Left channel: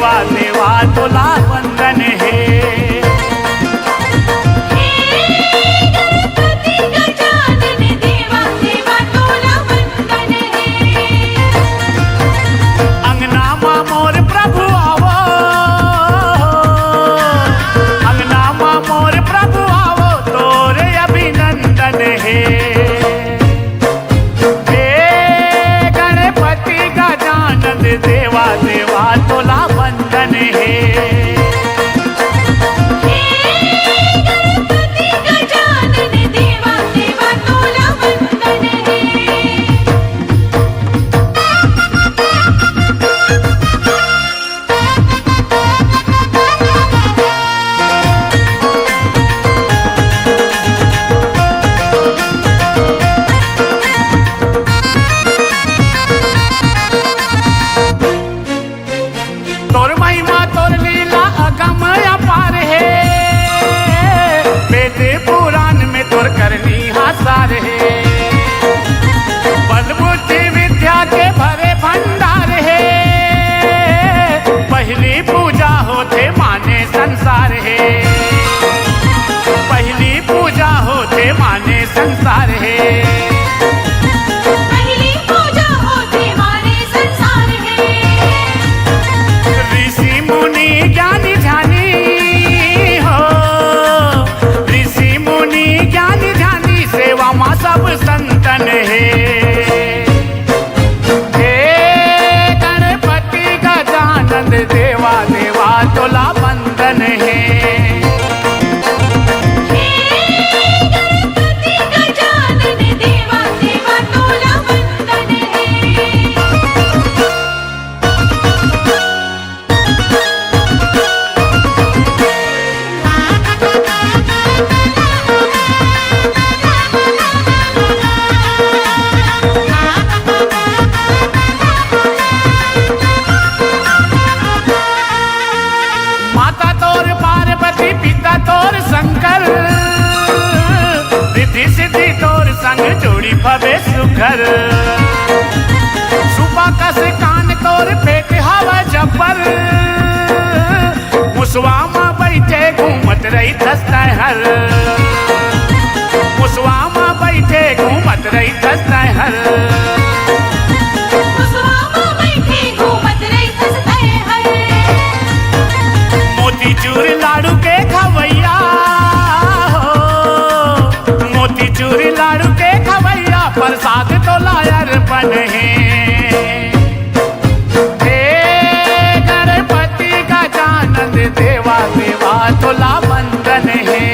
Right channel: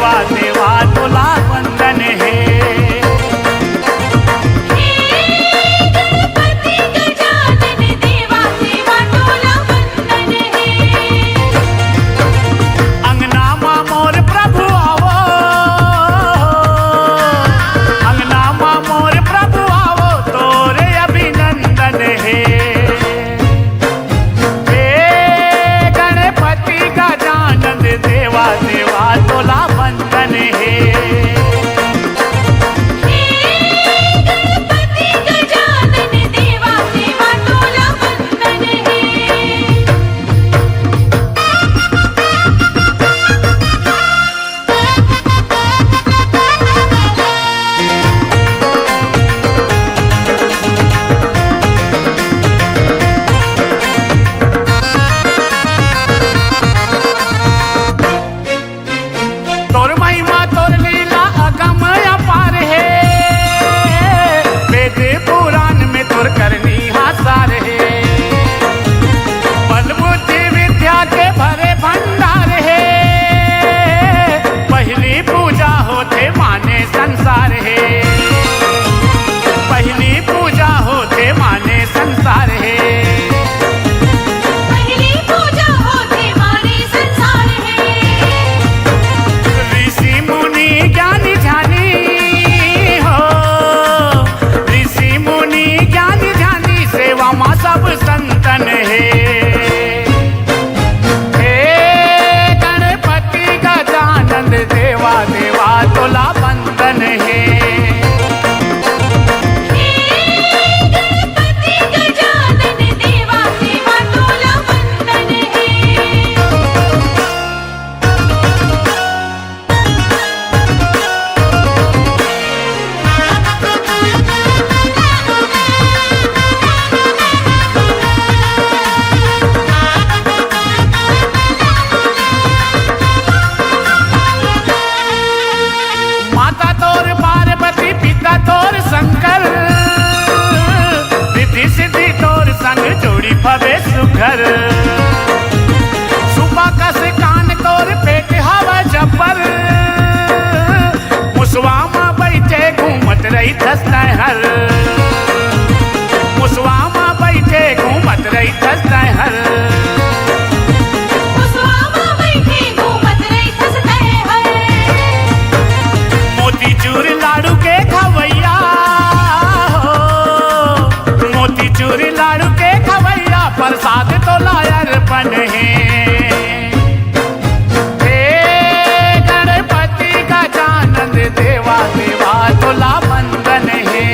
देवा देवा तोला वंदन है। देवा देवा तोला वंदन है। गणपति गजानन देवा देवा तोला वंदन तोर महिमा तोर लीला अगम अपार है। वेद पुराण में तोर करनी हासार है। बल बुद्धि विद्या के भरे भंडार है। पहली पूजा होते माने संसार है। पहली पूजा होते माने संसार है। ज्ञानी ध्यानी हो ऋषि मुनि ज्ञानी ध्यानी सेवा माँ सब संतन है। हे गणपति गजानन देवा देवा तोला वंदन है। माता तोर पार्वती पिता तोर शंकर रिद्धि सिद्धि तोर संग जोड़ी भवे सुघर। सुबह कान तोर पेट हवा जबर। मुसवा माँ बैठे घूमत रही थसता हर। मुसवा माँ बैठे घूमत रही थसता हर। मोतीचूर लाडू के खवैया हो। मोतीचूर लाडू के खवैया प्रसाद तो लायर बन है। हे गणपति गजानन देवा देवा तोला वंदन है।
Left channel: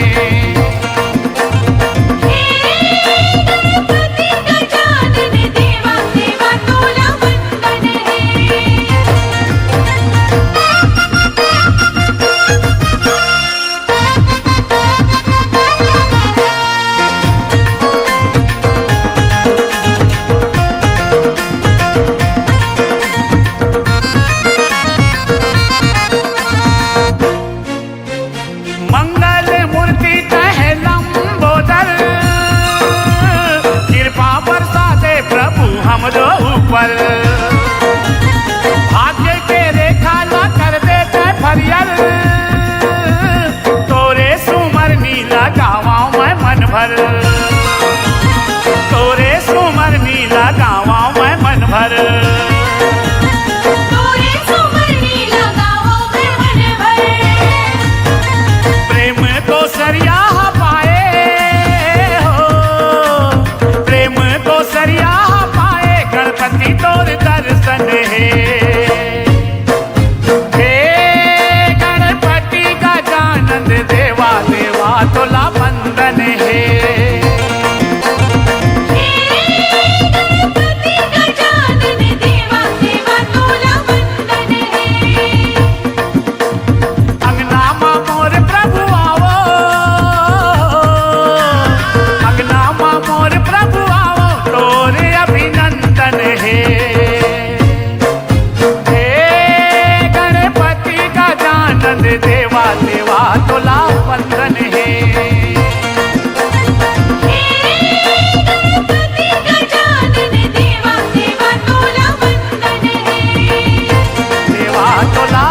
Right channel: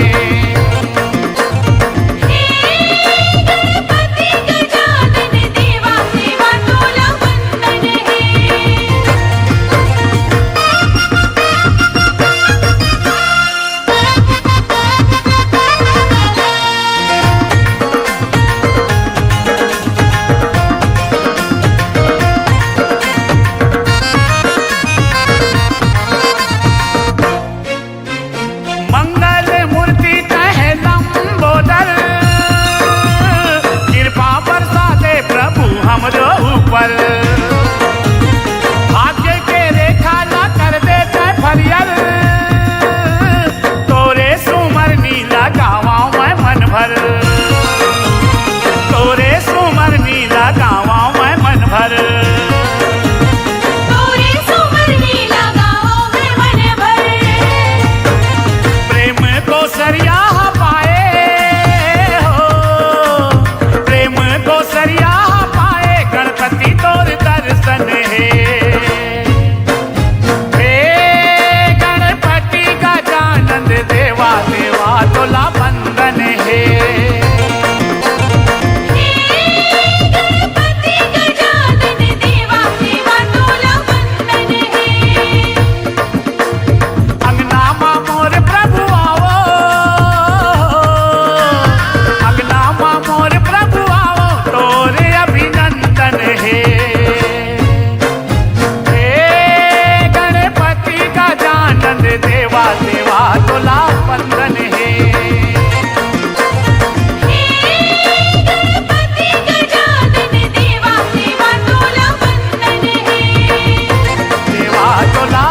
मंगल मूर्ति कहे लंबोदर। कृपा बरसा दे प्रभु हमरो ऊपर। भाग्य के रेखा ला कर दे फरियल। तोरे सुमर नीला गावा मैं मन भर। तोरे सुमर नीला गावा मैं मन भर। को सरिया पाए हो प्रेम को सरिया पाए गणपति तोर दर्शन है। हे गणपति गजानन देवा देवा तोला वंदन है। देवा देवा तोला वंदन है। गणपति गजानन देवा देवा तोला वंदन है। देवा तोला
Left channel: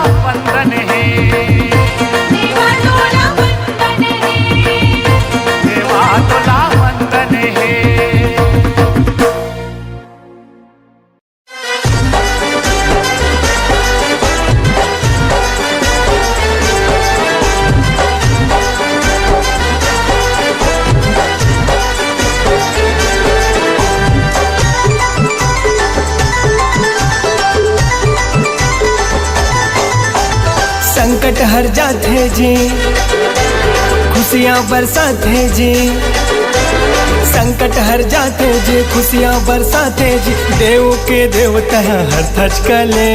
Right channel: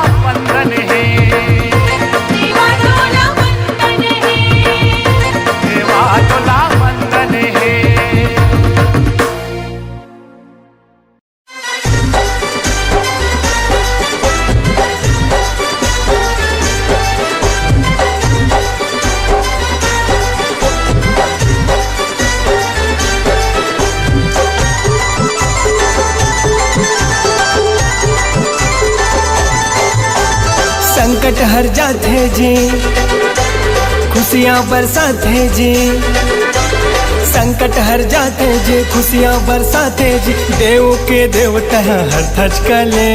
संकट हर जाते जी, खुशियाँ बरसाते जी। संकट हर जाते जी, खुशियाँ बरसाते जी। देव के देवता हर थच कले।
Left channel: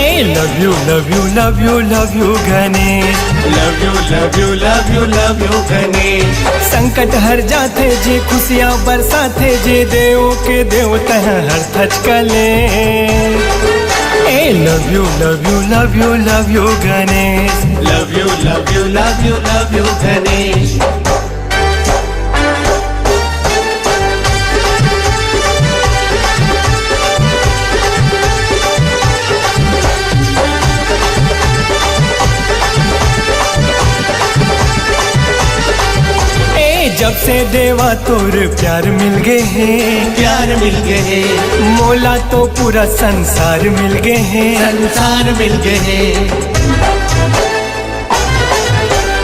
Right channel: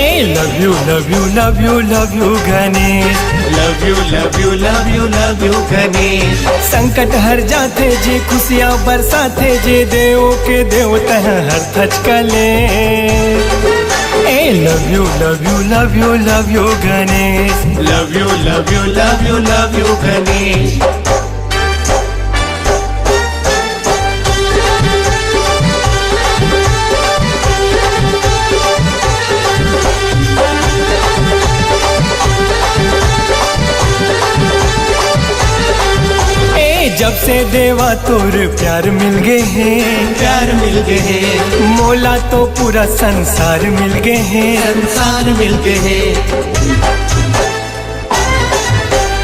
ए love you love you love you love you Ganesh, love you love you love you love you Ganesh. संकट हर जाते जी, खुशियाँ बरसाते जी। देव के देवता हर थच कले। ए love you love you love you love you Ganesh, love you love you love you love you Ganesh. जब से देवा तोर प्यार मिल गए हैं, प्यार मिल गए हैं, मोला तो पूरा संसार मिल गए हैं। संसार मिल गए हैं।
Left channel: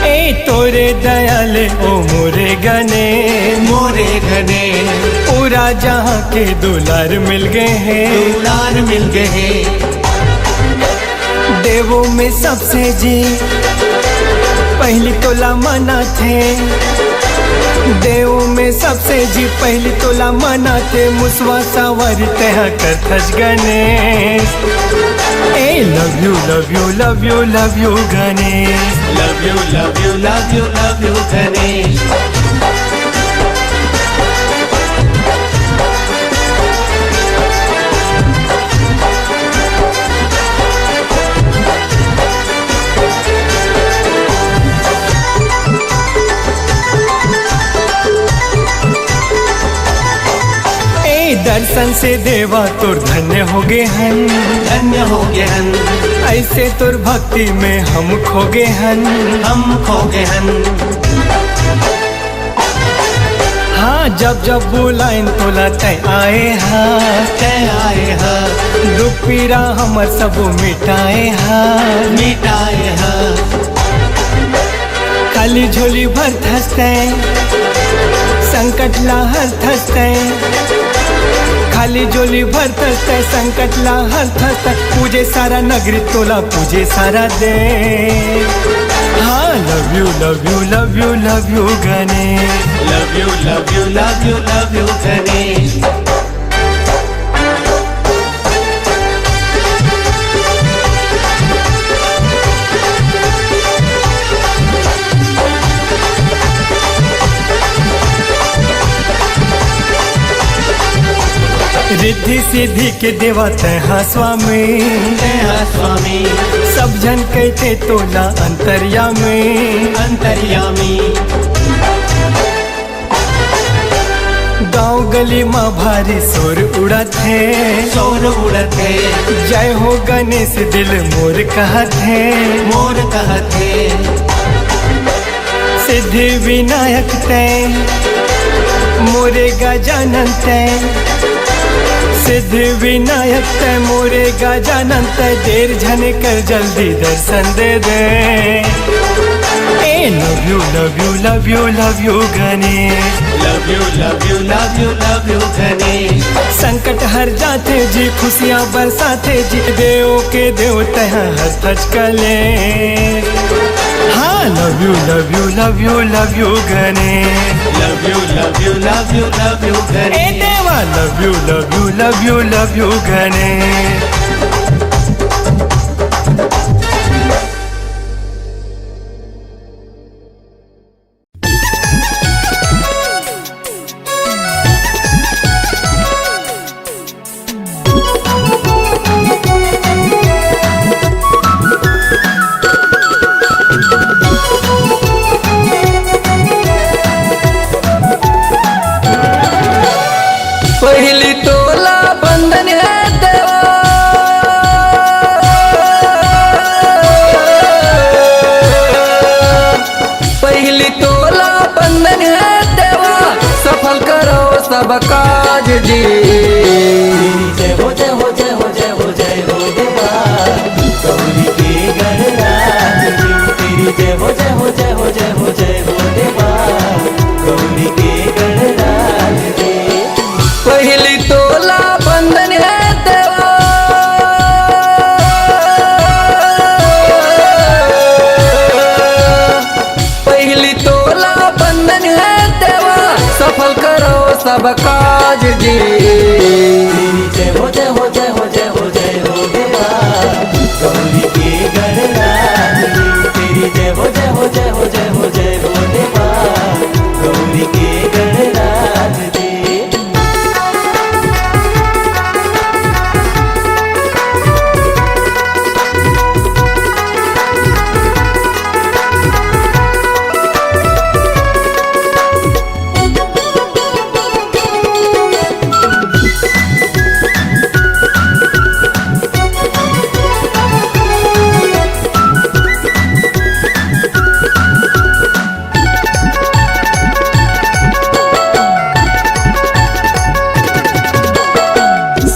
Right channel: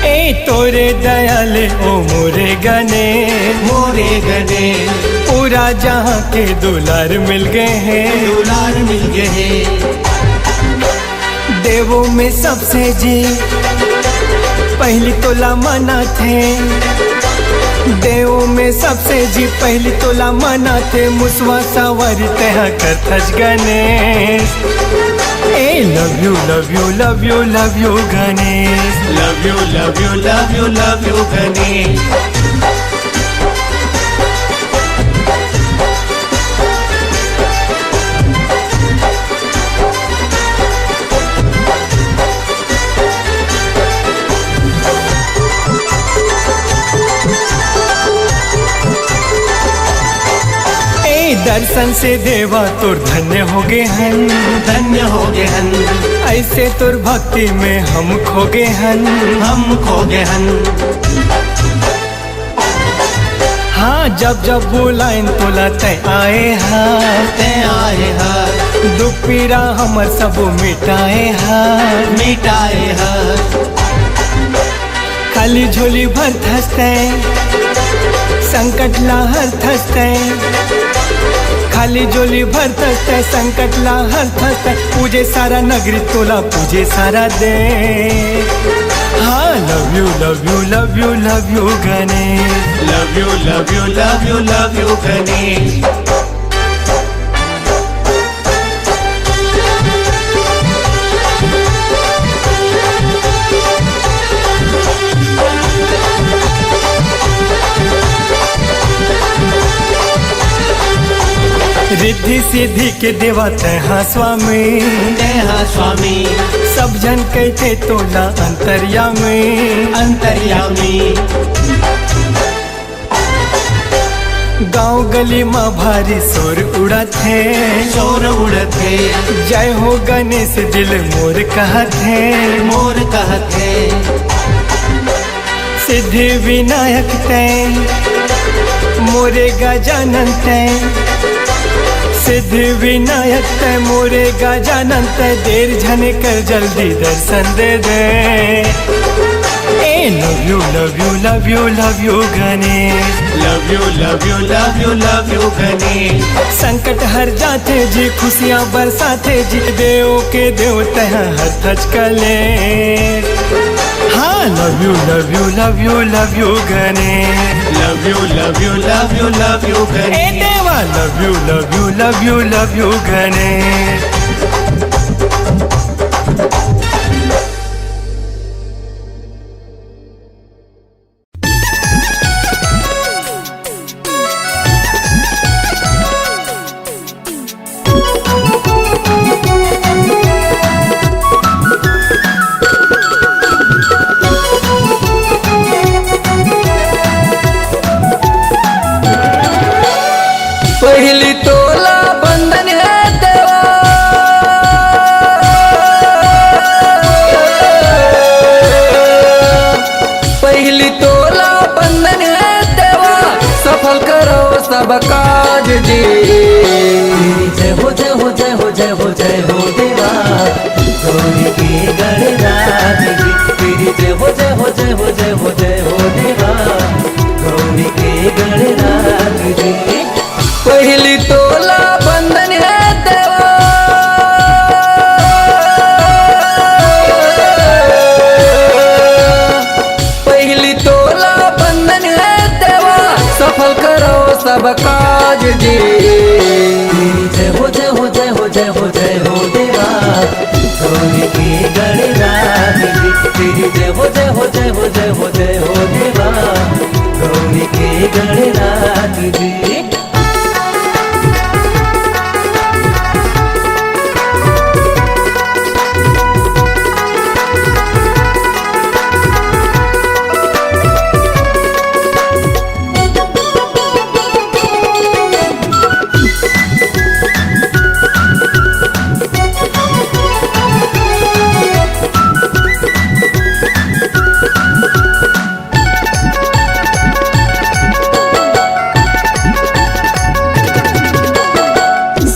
ए तोरे दयाले ओ मोरे गणेश, मोरे गणेश। पूरा जहाँ के दुलार मिल गए हैं। दुलार मिल गए हैं। देवों में सबसे जी पहली तोला मना थे। देवों में सबसे जी पहली तोला मना थे। मुसवा सावरी तहा कर थच गणेश। ए love you love you love you love you Ganesh, love you love you love you love you Ganesh. दर्शन से देवा तोर धन्य हो गए हन, धन्य हो गए हन। ऐसे तोर भक्ति में हम खो गए हन, हम खो गए हन। हाँ जब जब बुलाइन तोला तय आए हाँ, तय आए हाँ। दुख पीरा हमर सब मिटाए हाँ, मिटाए हाँ। खाली झोली भर थसते, संकट ला हर थसते। खाली झोली भर थसते, संकट ला हर थसते। पूजे सारा नगरी तोला पूजे सारा दे। हाँ love you love you love you love you Ganesh, love you love you love you love you Ganesh. Riddhi Siddhi के देवा तहा स्वामी, तहा स्वामी। सब जन कहते तोला अंतर्यामी, अंतर्यामी। गांव गली माँ भारी शोर उड़त है, शोर उड़त है। जय हो गणेश दिल मोर कहत है, मोर कहत है। सिद्धि विनायक तय मोरे गजानन तय। सिद्धि विनायक तय मोरे गजानन तय। देर झने कर जल्दी दर्शन दे दे। ए love you love you love you love you Ganesh, love you love you love you love you Ganesh. संकट हर जाते जी, खुशियाँ बरसाते जी। देव के देवता हर थच कले। हाँ love you love you love you love you Ganesh, love you love you love you love you ए गणेश। देवा love you love you love you love you Ganesh. पहली तोला बंधन है देवा, पहली तोला बंधन है देवा। सफल करो सब काज जी। जय हो जय हो जय हो जय हो जय हो देवा, गौरी के गणराज जी। जय हो जय हो जय हो जय हो जय हो देवा, गौरी के गणराज जी। पहली तोला बंधन है देवा, सब काज जी। जय हो जय हो जय हो जय हो जय हो देवा गौरी के गणराज जी। तेरी जय हो जय हो जय हो जय हो जय हो देवा गौरी के गणराज जी।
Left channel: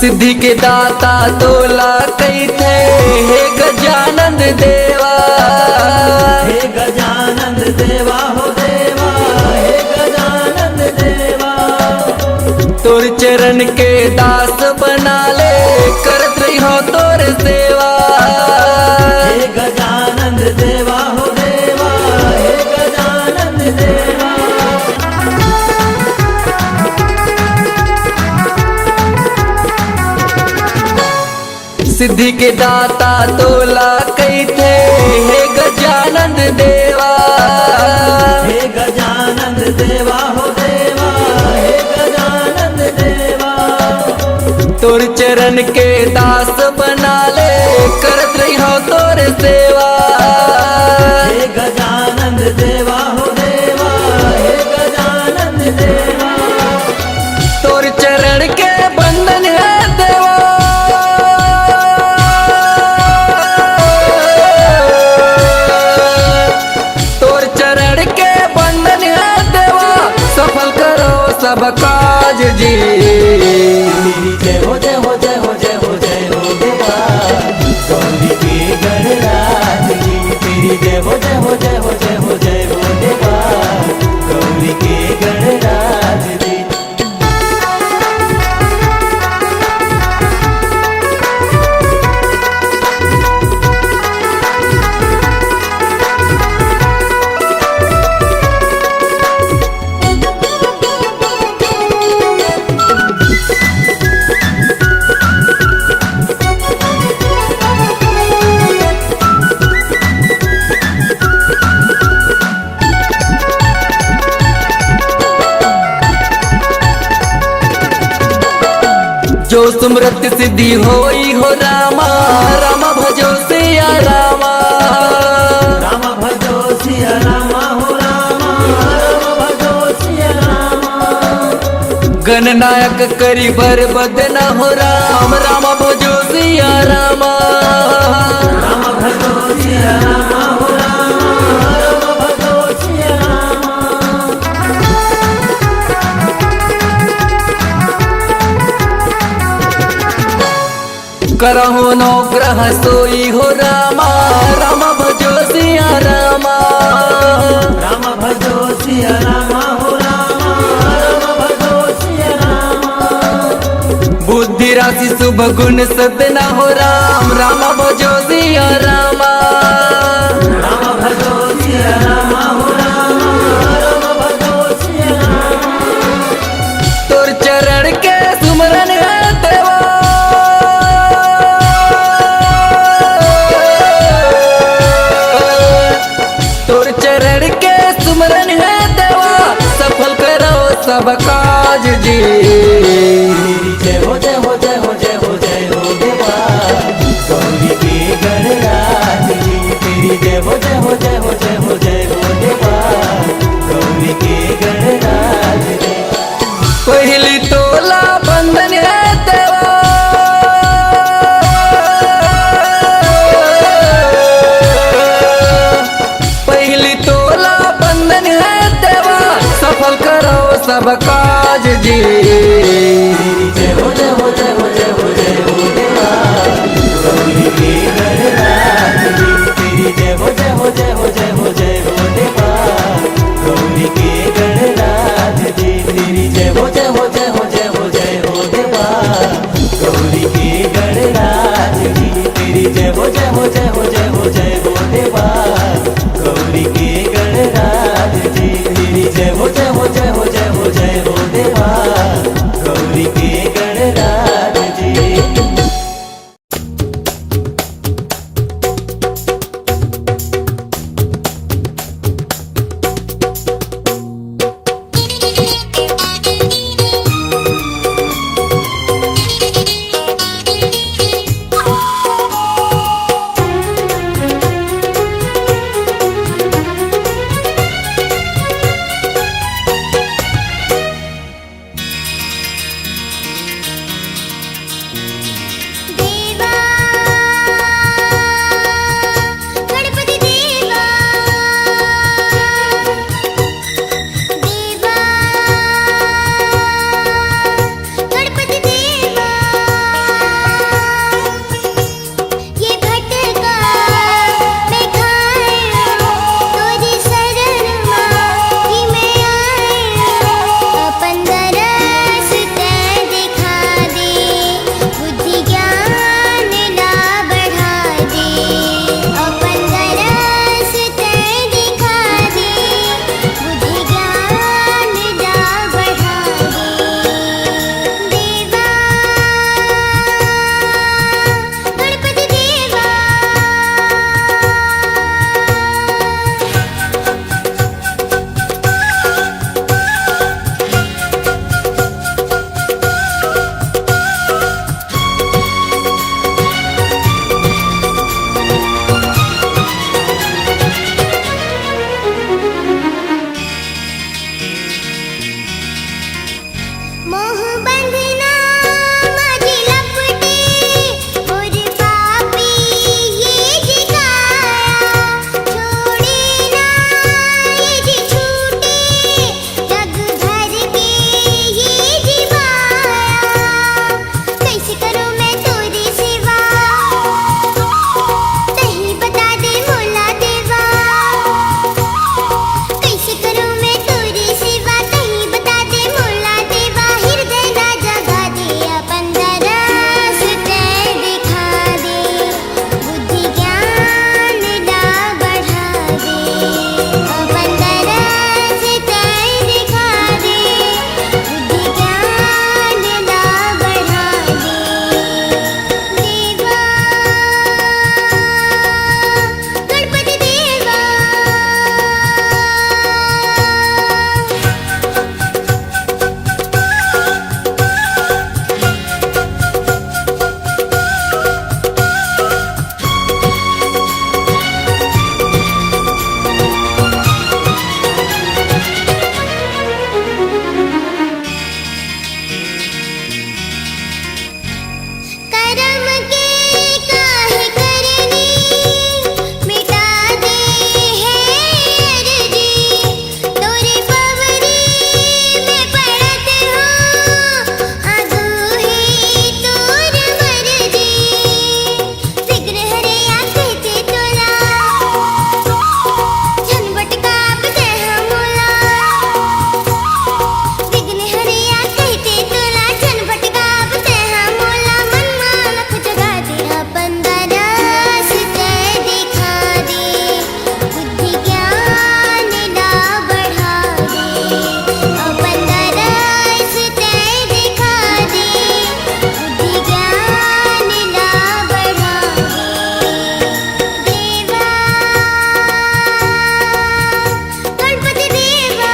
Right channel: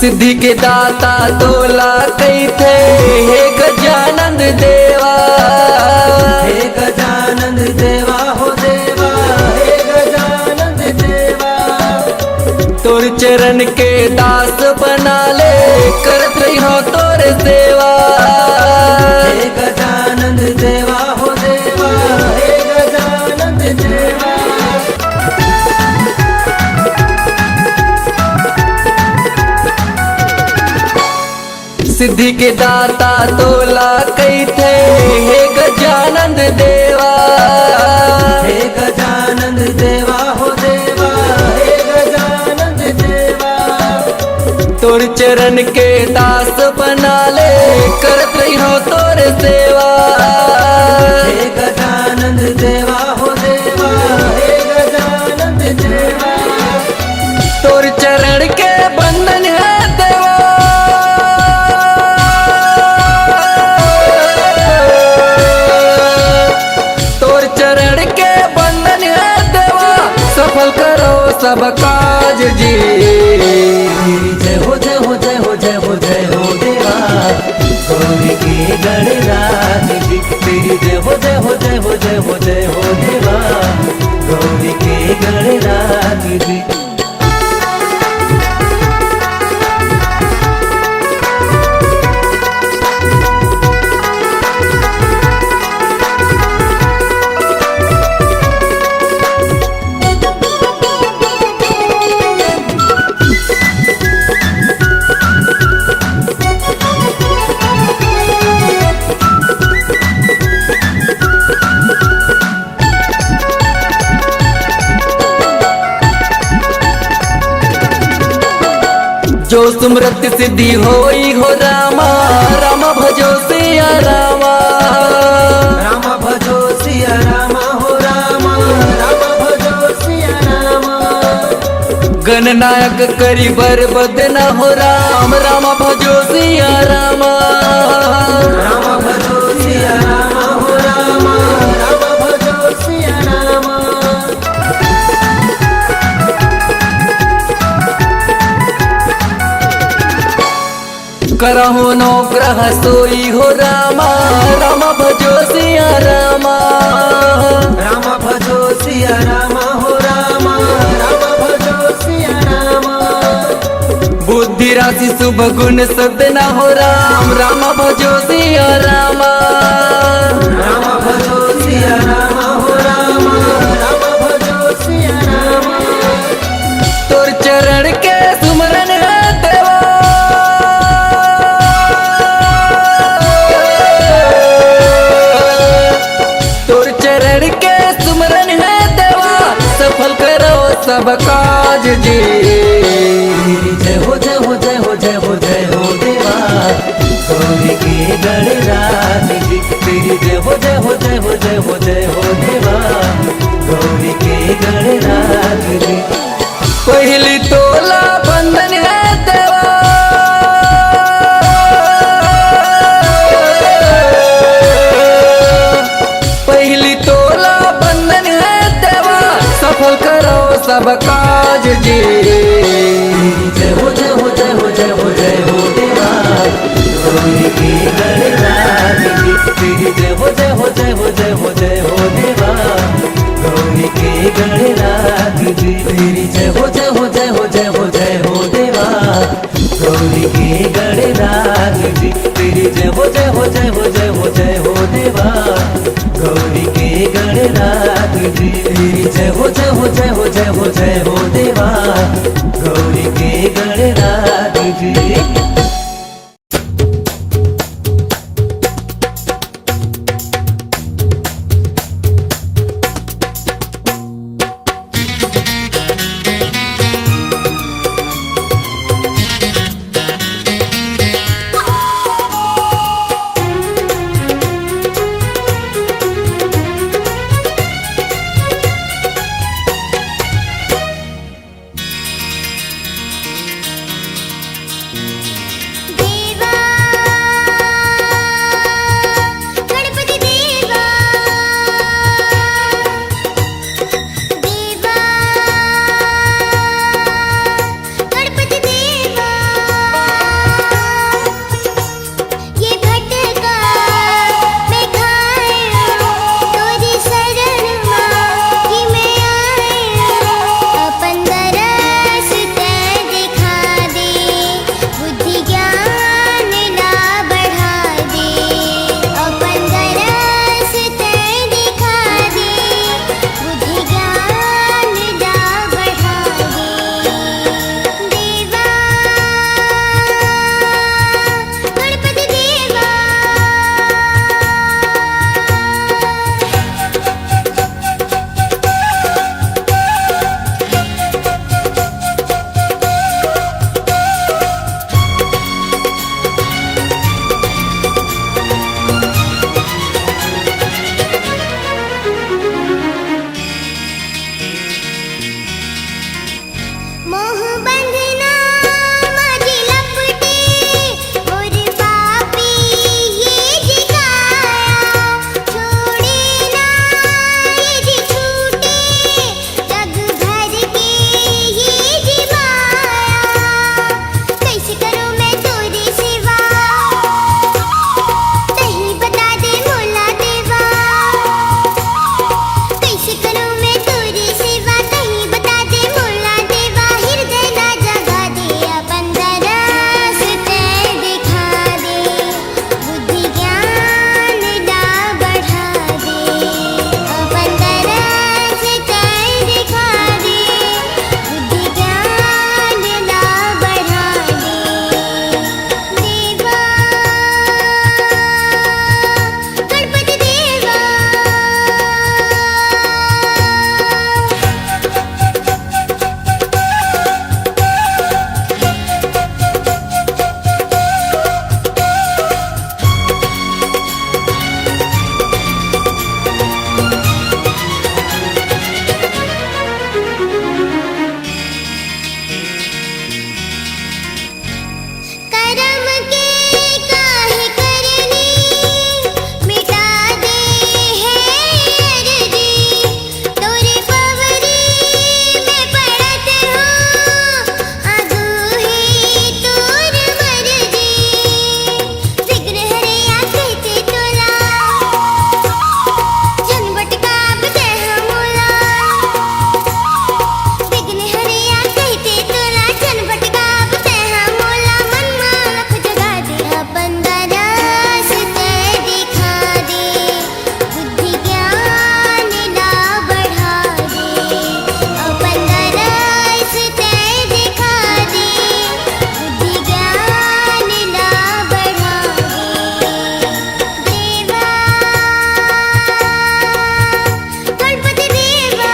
सिद्धि के दाता तोला कई थे हे गजानंद देवा। हे गजानंद देवा हो देवा हे गजानंद देवा। तोर चरण के दास बना ले करत रही हो तोर सेवा। हे गजानंद देवा हो देवा हे गजानंद देवा। सिद्धि के दाता तोला कई थे हे गजानंद देवा। हे गजानंद देवा हो देवा हे गजानंद देवा। तोर चरण के दास बना ले करत रही हो तोर सेवा। हे गजानंद देवा हो देवा हे गजानंद देवा। तोर चरण के बंधन है देवा। तोर चरण के बंधन है देवा सफल करो सब काज जी। जय हो जय हो जय हो जय हो जय हो देवा गौरी के गणराज जी। तेरी जय हो जय हो जय हो जय हो जय हो देवा गौरी के गणराज जी। जो सुमरत सिद्धि होई हो रामा राम भजो सिया रामा। राम भजो सिया रामा हो रामा राम भजो सिया रामा। गणनायक करी बर बदना हो राम राम भजो सिया रामा। राम भजो सिया रामा हो रामा राम भजो सिया रामा। करहु नो ग्रह सोई हो रामा राम भजो सिया रामा। राम भजो सिया रामा हो रामा राम भजो सिया रामा। बुद्धि राशि शुभ गुण सदना हो राम राम भजो सिया रामा। राम भजो सिया रामा हो रामा राम भजो सिया रामा। तोर चरण के सुमरन है देवा। तोर चरण के सुमरन है देवा सफल करो सब काज जी। जय हो जय हो जय हो जय हो जय हो देवा गौरी के गणराज जी। तेरी जय हो जय हो जय हो जय हो जय हो देवा गौरी के गणराज जी। पहली तोला बंधन है देवा। पहली तोला बंधन है देवा सफल करो सब काज जी। जय हो जय हो जय हो जय हो जय हो देवा गौरी के गणराज जी। तेरी जय हो जय हो जय हो जय हो जय हो देवा गौरी के गणराज जी। तेरी जय हो जय हो जय हो जय हो जय हो देवा गौरी के गणराज जी। तेरी जय हो जय हो जय हो जय हो जय हो देवा गौरी के गणराज जी। तेरी जय हो जय हो जय हो जय हो जय हो देवा शर्म के काहे करनी मिटा दे है अर्जी तोरे पवरी में पड़त हो आगू है तोर मर्जी विघ्न हरे कहते तोला झनबट काबते हमला विघ्न हरे कहते तोला झनबट काबते हमला मन मालक जगा दे अपन दरस ते दिखा दे बुद्धि ज्ञान ला बढ़ा दे अपन दरस ते दिखा दे बुद्धि ज्ञान ला बढ़ा दे देवा गणपति देवा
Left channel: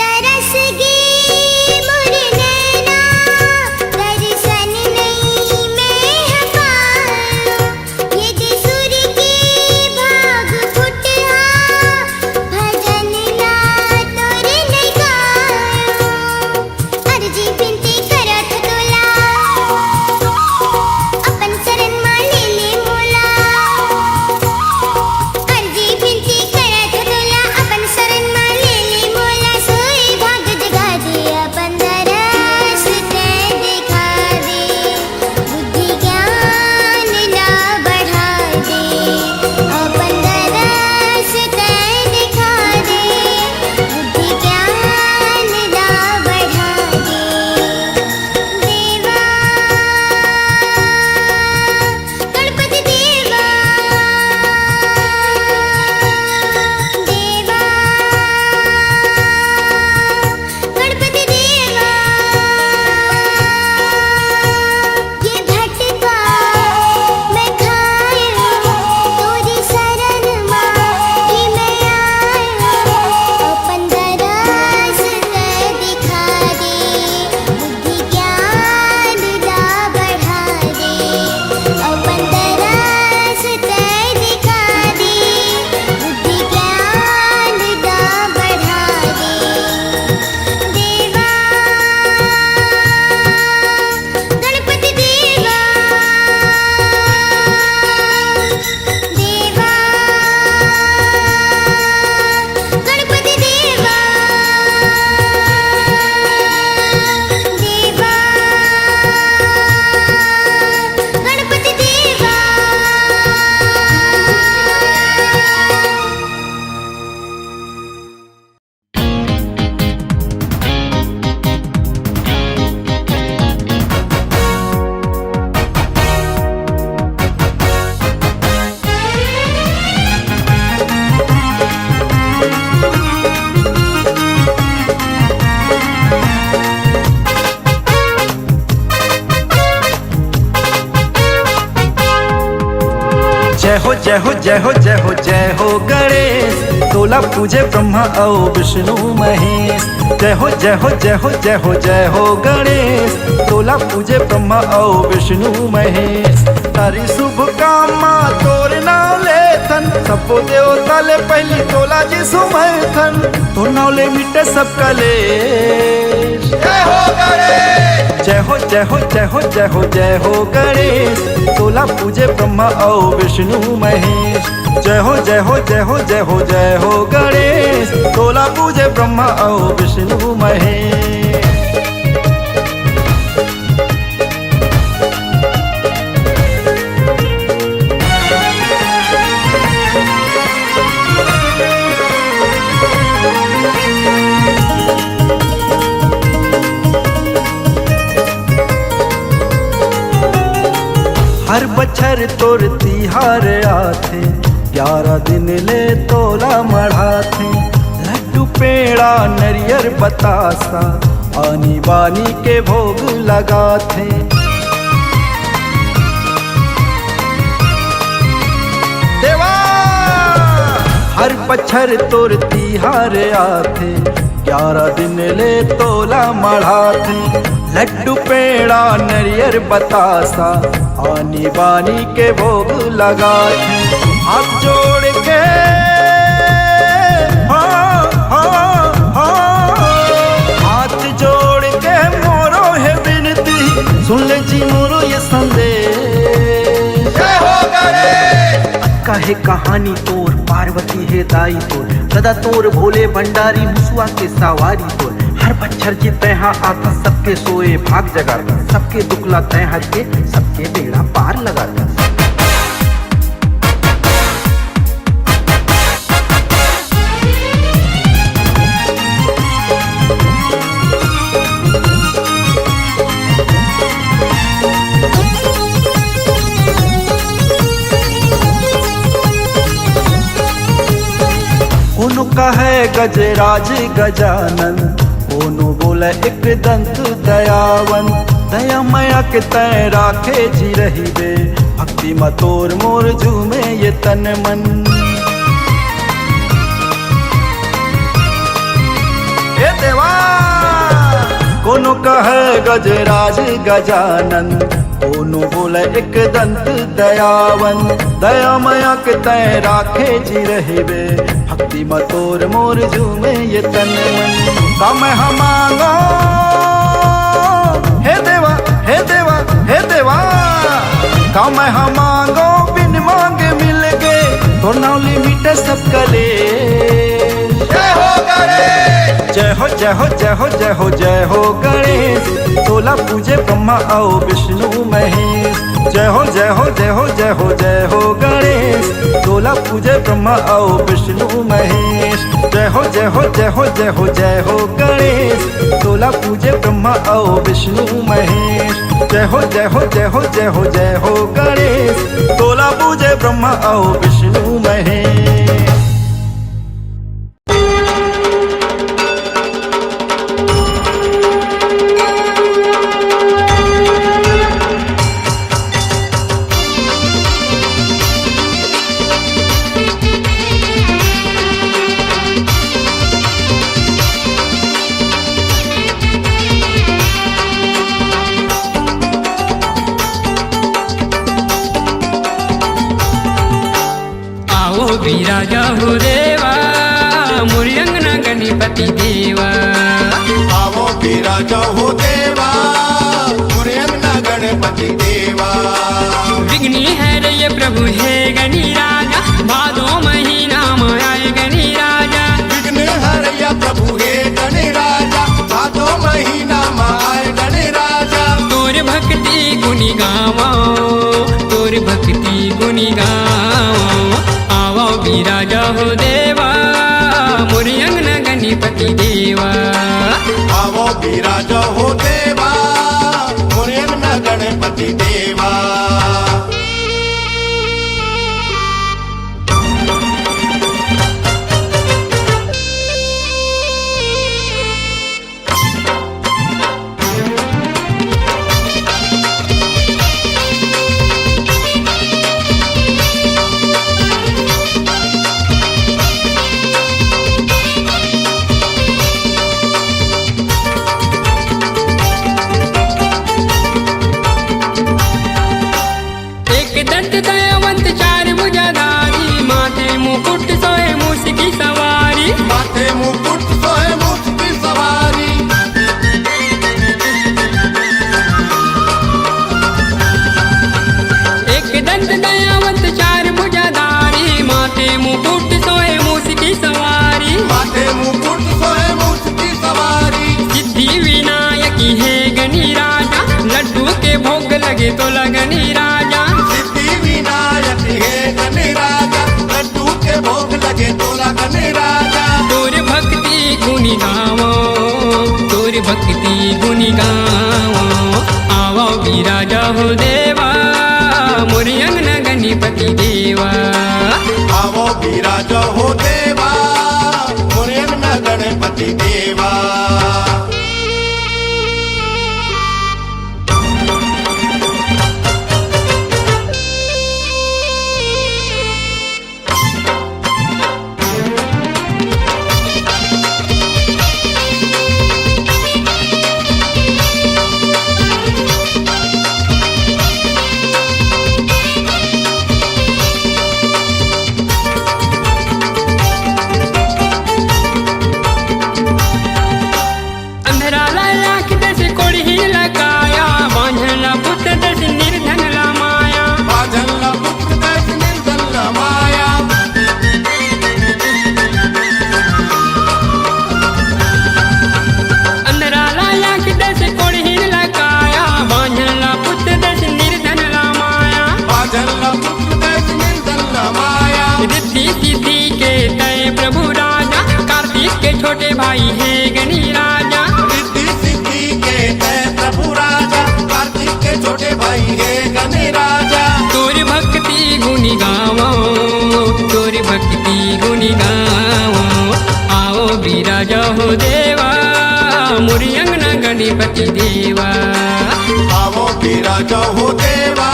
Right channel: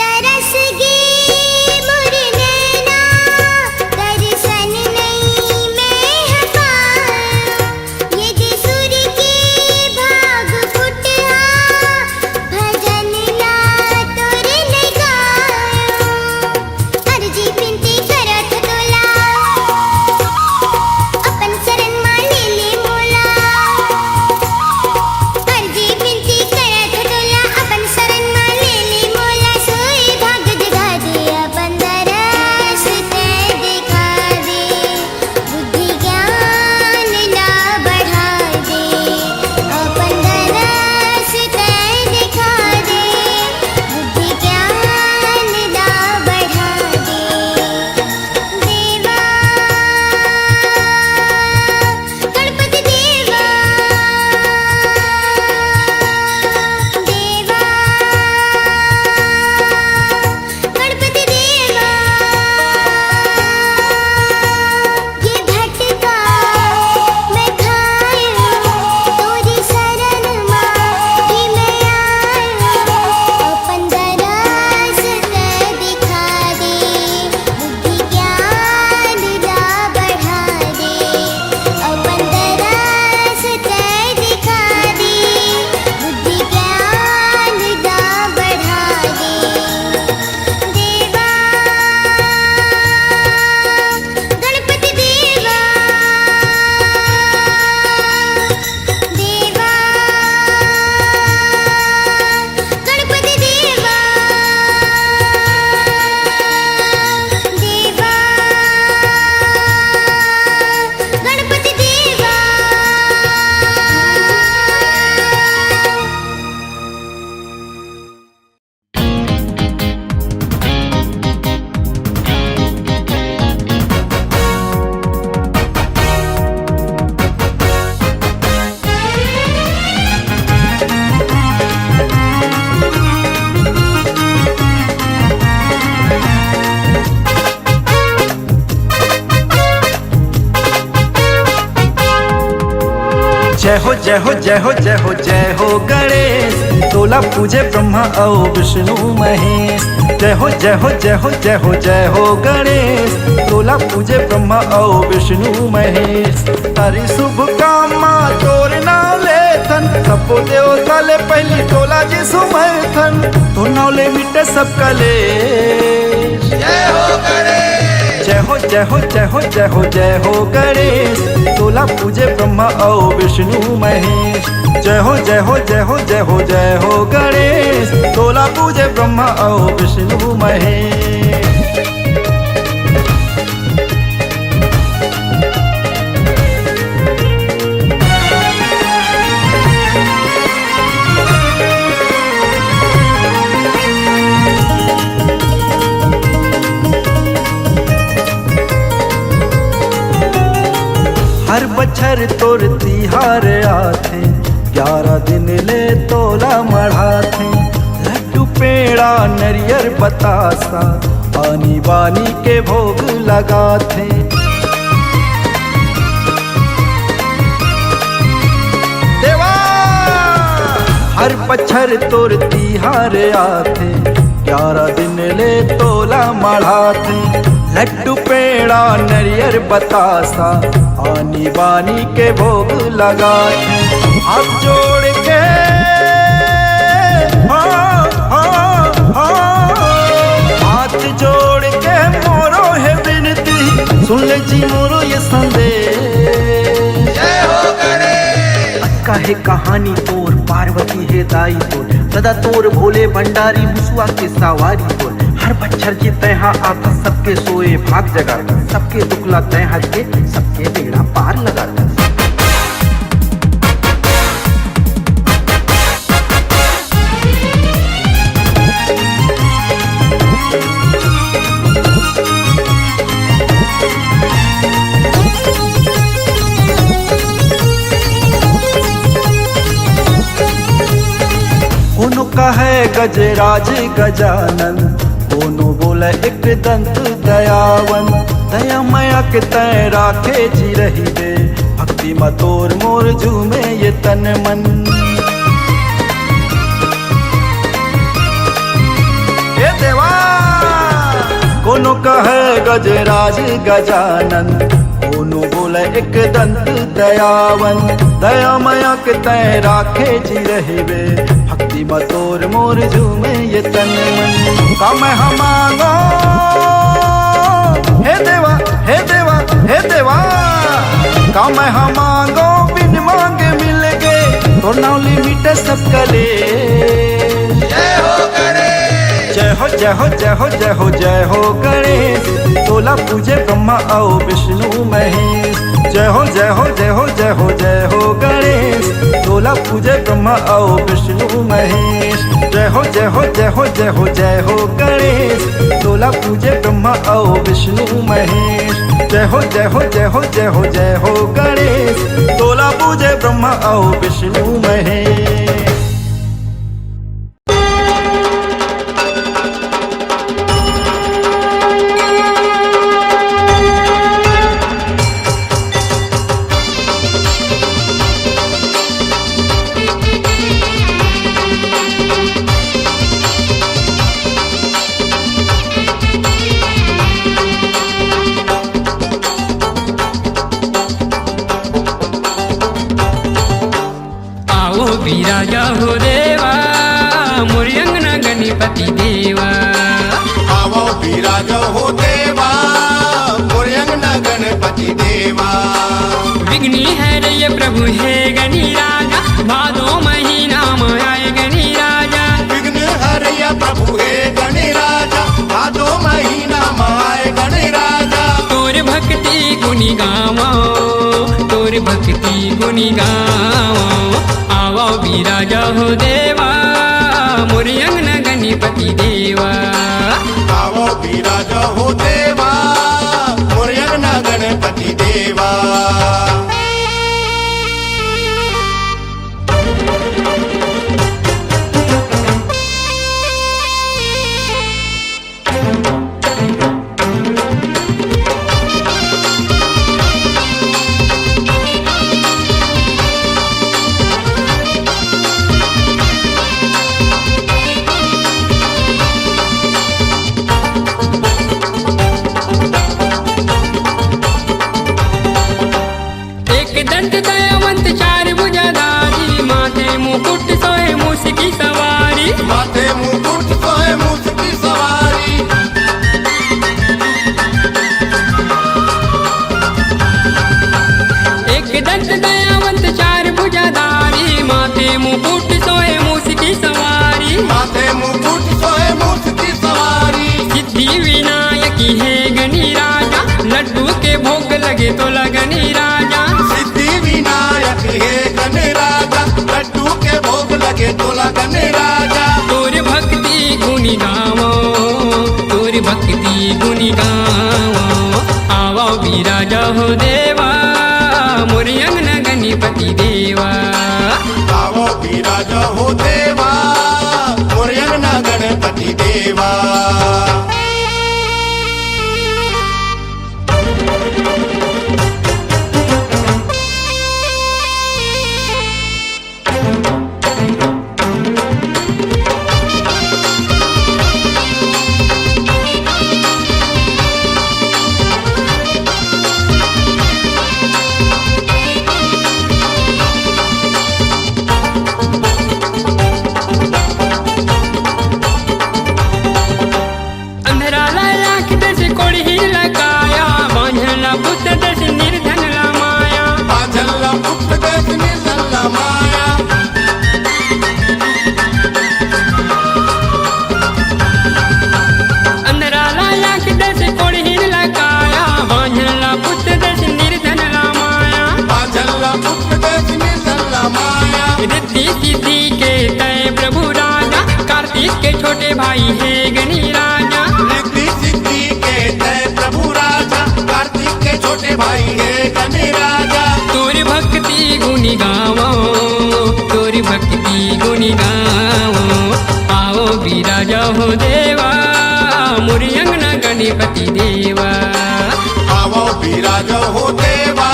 तरस गे मोर नैना दर्शन नहीं मैं पाऊं यदि सुर के भाग फुटा भजन ला तोर नहीं गाऊं अर्जी बिनती करत तोला अपन शरण मा ले मोला अर्जी बिनती करत तोला अपन शरण मा ले मोला सोई भाग जगा दे अपन दरस ते दिखा दे बुद्धि ज्ञान ला बढ़ा दे अपन दरस ते दिखा दे बुद्धि ज्ञान ला बढ़ा दे देवा गणपति देवा देवा गणपति देवा ये भटका मैं खाया तोरी शरण माँ ही मैं आया अपन दरस ते दिखा दे बुद्धि ज्ञान ला बढ़ा दे अपन दरस ते दिखा दे बुद्धि ज्ञान ला बढ़ा दे देवा गणपति देवा देवा गणपति देवा देवा गणपति देवा जय हो जय हो जय हो जय हो जय हो गणेश तोला पूजे ब्रह्मा और विष्णु महेश जय हो जय हो जय हो जय हो जय हो गणेश तोला पूजे ब्रह्मा और विष्णु महेश तारी शुभ कामा तोर नाव लेथन सबो देवता ले पहली तोला जी सुमर्थन तो नाव ले मिटे सब कलेश जय हो जय हो जय हो जय हो जय हो गणेश तोला पूजे ब्रह्मा और विष्णु महेश जय हो जय हो जय हो जय हो जय हो गणेश तोला पूजे ब्रह्मा और विष्णु महेश हर बछर तोर तिहार आथे 11 दिन ले तोला मढ़ाथे लड्डू पेड़ा नरियर बतासा पानी बानी के भोग लगाथे देवा हर पच्छर तोर तिहार आथे 11 दिन ले तोला मढ़ाथे लड्डू पेड़ा नरियर बतासा आनी बानी के भोग लगाथे हाथ जोड़ के हाथ जोड़ के मोरो है विनती सुन ले जी मोरो ये संदेश है कहानी तोर पार्वती है दाई तोर सदा तोर भोले भंडारी मुसुआ के सवारी तोर हर बच्चर जी तैहा आता सबके सोए भाग जगाता सबके दुखला तैहा के सबके बेड़ा पार लगाता कोनो कहे गजराज गजानन कोनो बोले एक दंत दयावन दया मया के तय राखे जी रही बे भक्ति मतोर मोर झूमे ये तन मन ए देवा कोनो कहे गजराज गजानन कोनो बोले एक दंत दयावन दया मया के तय राखे जी रहे बे भक्ति मतोर मोर झूमे ये तन मन काम हम मांगो हे देवा हे देवा हे देवा काम हम मांगो बिन मांगे मिल गए तो नौली मिटे सब कले जय हो जय हो जय हो जय हो जय हो गणेश तोला पूजे ब्रह्मा आओ विष्णु महेश जय हो जय हो जय हो जय हो जय हो गणेश तोला पूजे ब्रह्मा आओ विष्णु महेश जय हो जय हो जय हो जय हो जय हो गणेश तोला पूजे ब्रह्मा आओ विष्णु महेश जय हो जय हो जय हो जय हो जय हो गणेश तोला पूजे ब्रह्मा आओ विष्णु महेश विराजा हो देवा मोरी अंगना गणपति देवा आवो विराजा हो देवा मोरी अंगना गणपति देवा विघ्नी है रे प्रभु है गणी राजा भादो महीना में आए गणी राजा विघ्न हरया प्रभु है गणी राजा भादो महीना में आए गणी राजा तोर भक्ति गुनी गावा तोर भक्ति गुनी गावा आवो विराजा हो देवा मोरी अंगना गणपति देवा आवो विराजा हो देवा मोरी अंगना गणपति देवा दंत दयावंत चार भुजाधारी माथे मुकुट सोए मूस की सवारी माथे मुकुट सोए मूस की सवारी एक दंत दयावंत चार भुजाधारी माथे मुकुट सोए मूस की सवारी माथे मुकुट सोए मूस की सवारी सिद्धि विनायकी है गणी राजा लड्डू के भोग लगे तो लगनी राजा तोर भक्ति गुनी गावो तोर भक्ति गुनी गावो आवो विराजा हो देवा मोरी अंगना गणपति देवा आवो विराजा हो देवा मोरी अंगना गणपति देवा भाई है गणी राजा। रिद्धि सिद्धि के है प्रभु राजा, कार्तिक के छोटे भाई है गणी राजा। तोरी भक्ति गुनी गावो, तोरी भक्ति गुनी गावो, आओ विराजा हो देवा मोरी अंगना गणपति देवा। आवो विराजा हो देवा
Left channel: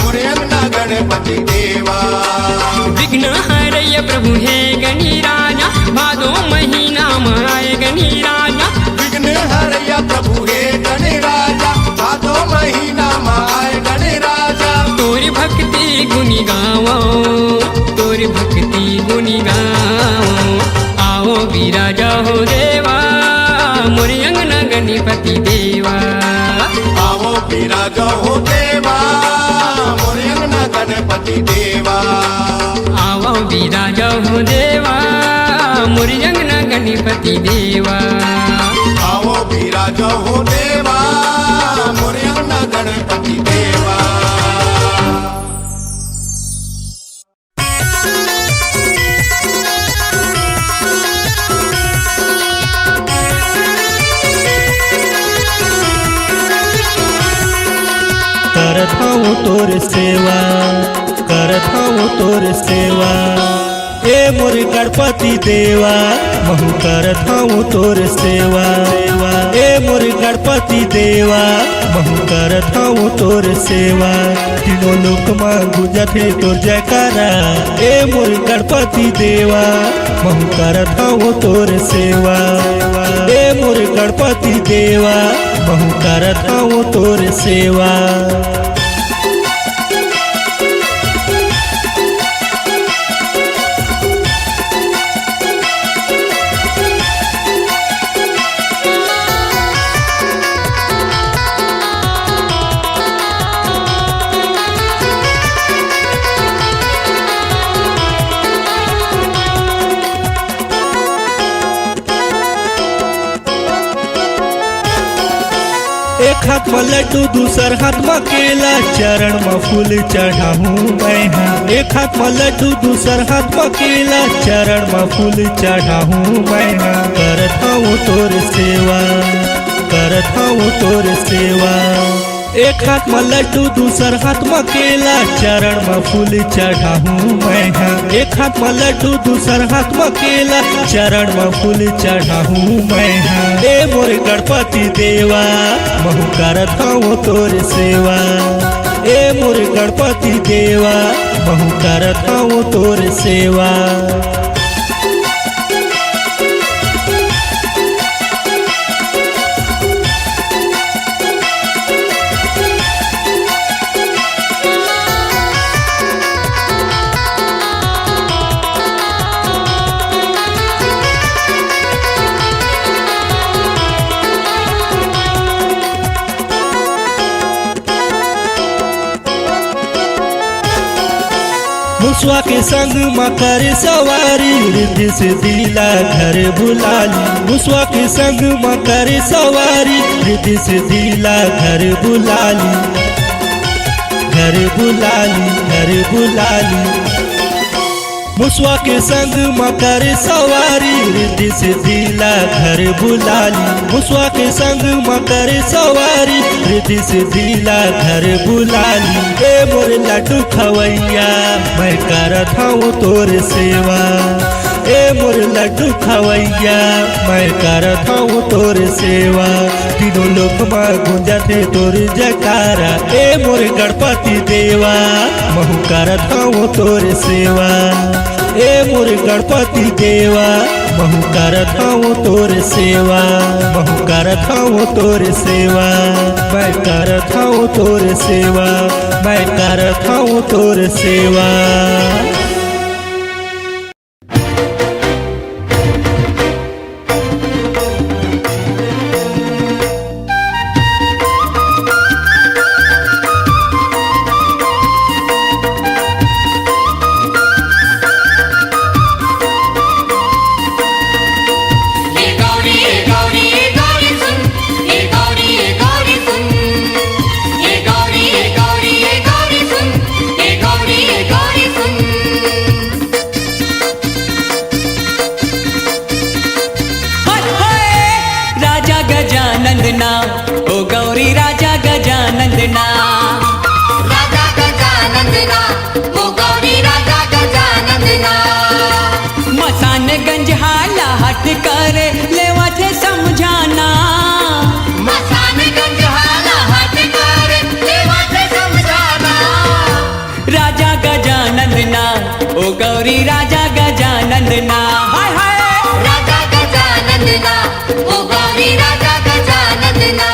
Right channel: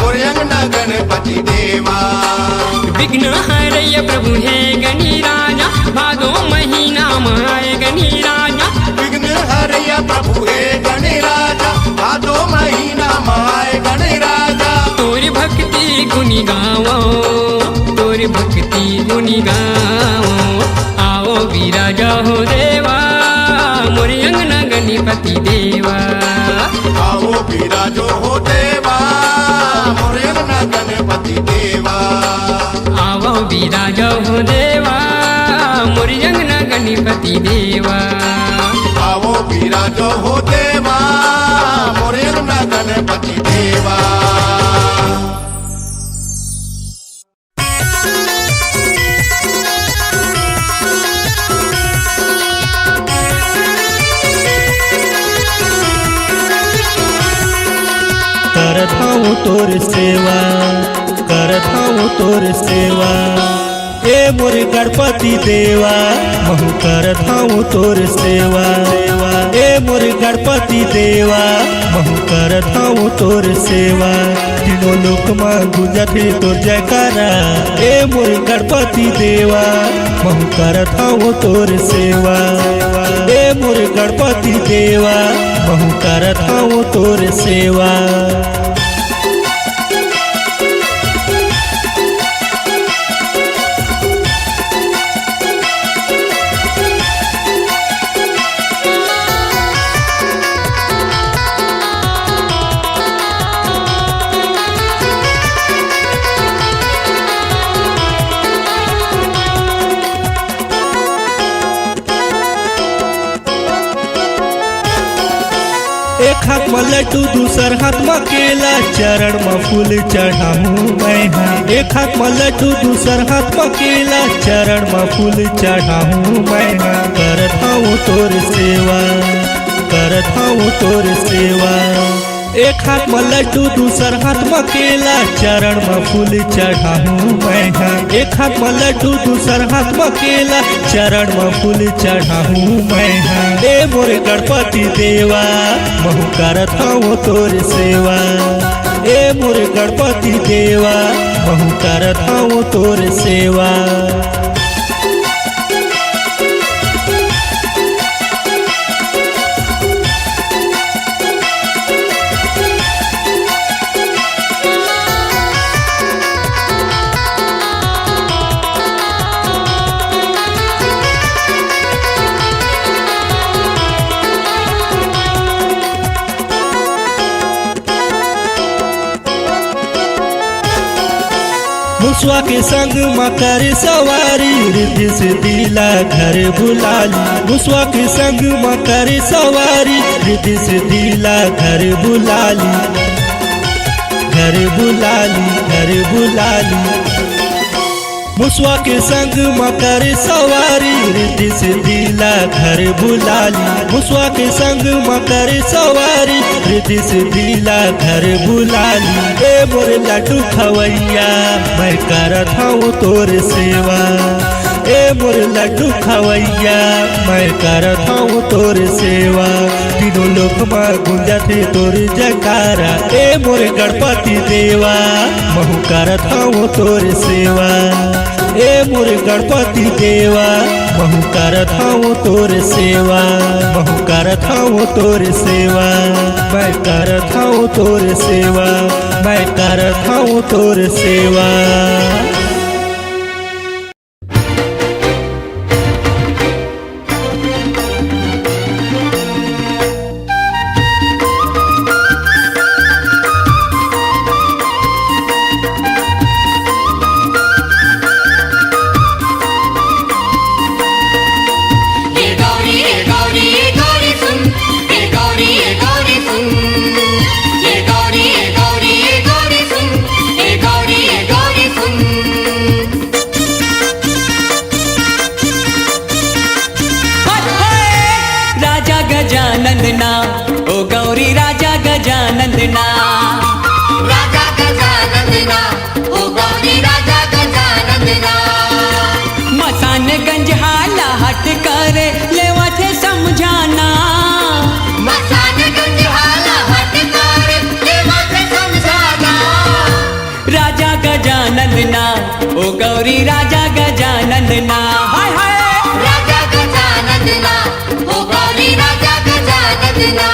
मोरे अंगना गणपति देवा। विघ्न हरय प्रभु है गणी राजा, भादो महीना माय गणी राजा। विघ्न हरया प्रभु है गणी राजा, भादो महीना माय गणी राजा। तोरी भक्ति गुनी गावो, तोरी भक्ति गुनी गावो, आओ विराजा हो देवा मोरी अंगना गणपति देवा। आवो विराजा हो देवा मोरे अंगना गणपति देवा। आओ विराजा हो देवा मोरी अंगना गणपति देवा। आवो विराजा हो देवा मोरे अंगना गणपति देवा। करत हूँ तोर सेवा, करत हूँ तोर सेवा, ए मोर गणपति देवा महू करत हूँ तोर सेवा। ए मोर गणपति देवा महू करत हूँ तोर सेवा। तीनों लोक में गुंजत है तोर जयकारा, ए मोर गणपति देवा महू करत हूँ तोर सेवा। ए मोर गणपति देवा महू करत हूँ तोर सेवा। एक हाथ में लड्डू दूसर हाथ में केला, चरण में फूल चढ़ाऊं मैं हाँ। एक हाथ में लड्डू दूसर हाथ में केला, चरण में फूल चढ़ाऊं मैं हाँ। करत हूँ तोर सेवा, करत हूँ तोर सेवा। एक हाथ में लड्डू दूसर हाथ में केला, चरण में फूल चढ़ाऊं मैं हाँ। एक हाथ में लड्डू दूसर हाथ में केला, चरण में फूल चढ़ाऊं मैं हाँ। ए मोर गणपति देवा महू करत हूँ तोर सेवा। ए मोर गणपति देवा महू करत हूँ तोर सेवा। मुसवा के संग मकर सवारी, रिद्धि से दिला घर बुलाली। मुसवा के संग मकर सवारी, रिद्धि से दिला घर बुलाली। घर बुलाली, घर बुलाली। मुसवा के संग मकर सवारी, रिद्धि से दिला घर बुलाली। मुसवा के संग मकर सवारी, रिद्धि से दिला घर बुलाली। ए मोर लड्डू खवैया मैं करत हूँ तोर सेवा। ए मोर लड्डू खवैया मैं करत हूँ तोर सेवा। तीनों लोक में गुंजत है तोर जयकारा, ए मोर गणपति देवा महू करत हूँ तोर सेवा। ए मोर गणपति देवा महू करत हूँ तोर सेवा। महू करत हूँ तोर सेवा, मैं करत हूँ तोर सेवा, मैं करत हूँ तोर सेवा। गौरी सुन राजा गजानंदना ओ गौरी राजा गजानंदना राजा गजानंदना ओ गौरी राजा गजानंदना मसान गंज हाला हट करे लेवा थे समझाना मसान गंज हाला हट कर देवा थे समझाना राजा गजानंदना ओ गौरी राजा गजानंदना हाय हाय राजा गजानंदना ओ गौरी राजा गजानंदना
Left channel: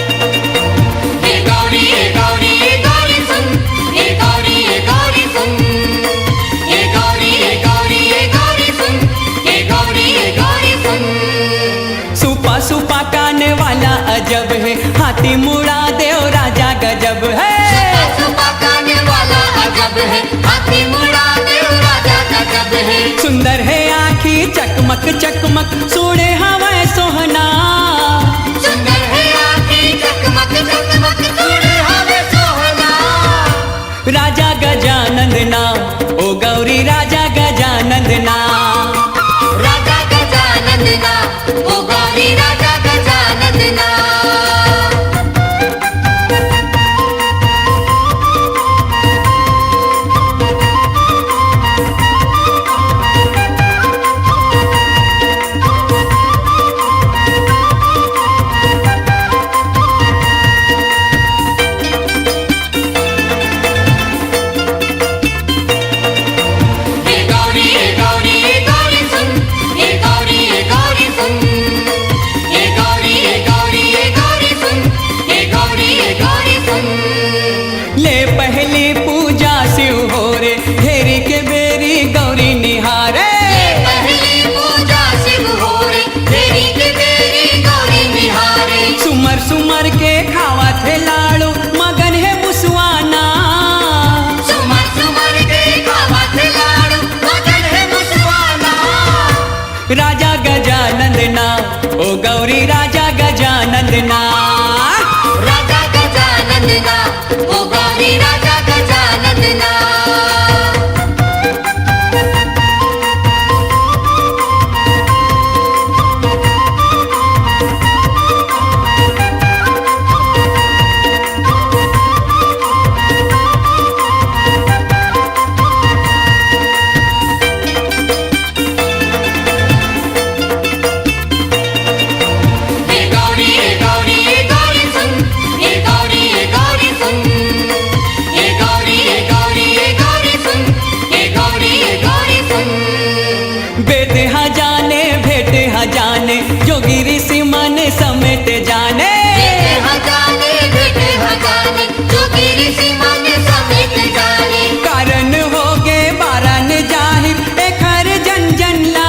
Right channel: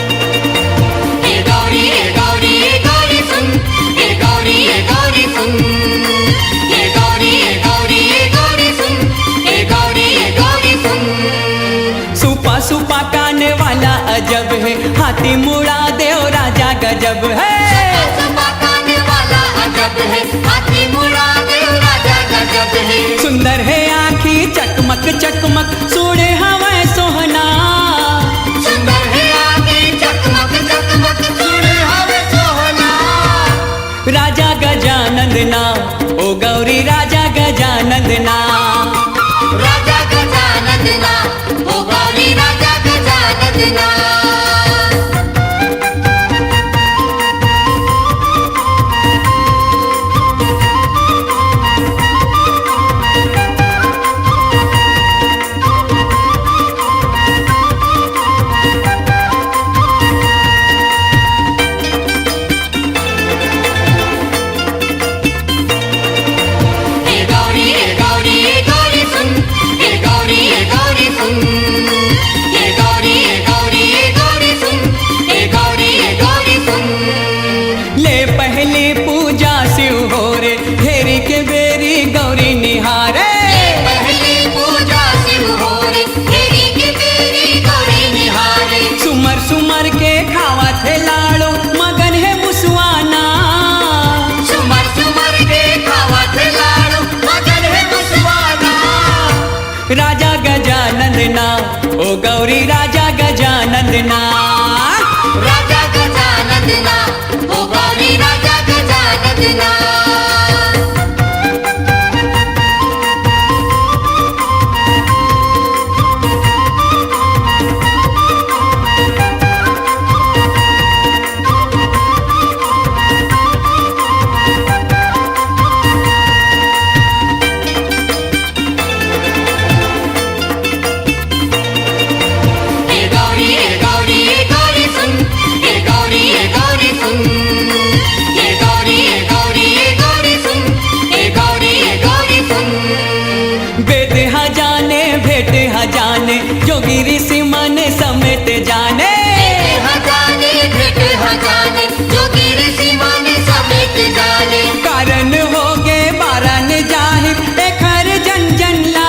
ए गौरी सुन ए गौरी सुन ए गौरी सुन ए गौरी सुन सुपा सुपा काने वाला अजब है हाथी मुड़ा देव राजा गजब है सुपा खाने वाला अजब है हाथी मुड़ा देव राजा गजब है सुंदर है आँखी चकमक चकमक सोने हवाएं सोहना सुंदर है आँखें चकमक चकमक सोने हमें सोहना राजा गजानंदना ओ गौरी राजा गजानंदना राजा गजानंदना ओ गौरी राजा गजानंदना ए गौरी सुन ए गौरी सुन ए गौरी सुन ए गौरी सुन ले पहली पूजा शिव हो रे घेरी के बेरी गौरी निहारे पहली पूजा शिव हो रे तेरी की तेरी गौरी निहारे सुमर सुमर के खावा थे लाड़ो मगन है मुसवाना सुमर सुमर के खावत लाड़ो मगन है मुसवाना राजा गजानंदना ओ गौरी राजा गजानंदना राजा गजानंदना ओ गौरी राजा गजानंदना ए गौरी सुन ए गौरी सुन ए गौरी सुन ए गौरी सुन वेद जाने भेट जाने जोगी ऋषि मन समेत जाने हजाने बेटे हजाने जोगी ऋषि मन समेत जाने कारण हो गे बारन जाहिर एक हर जन जन ला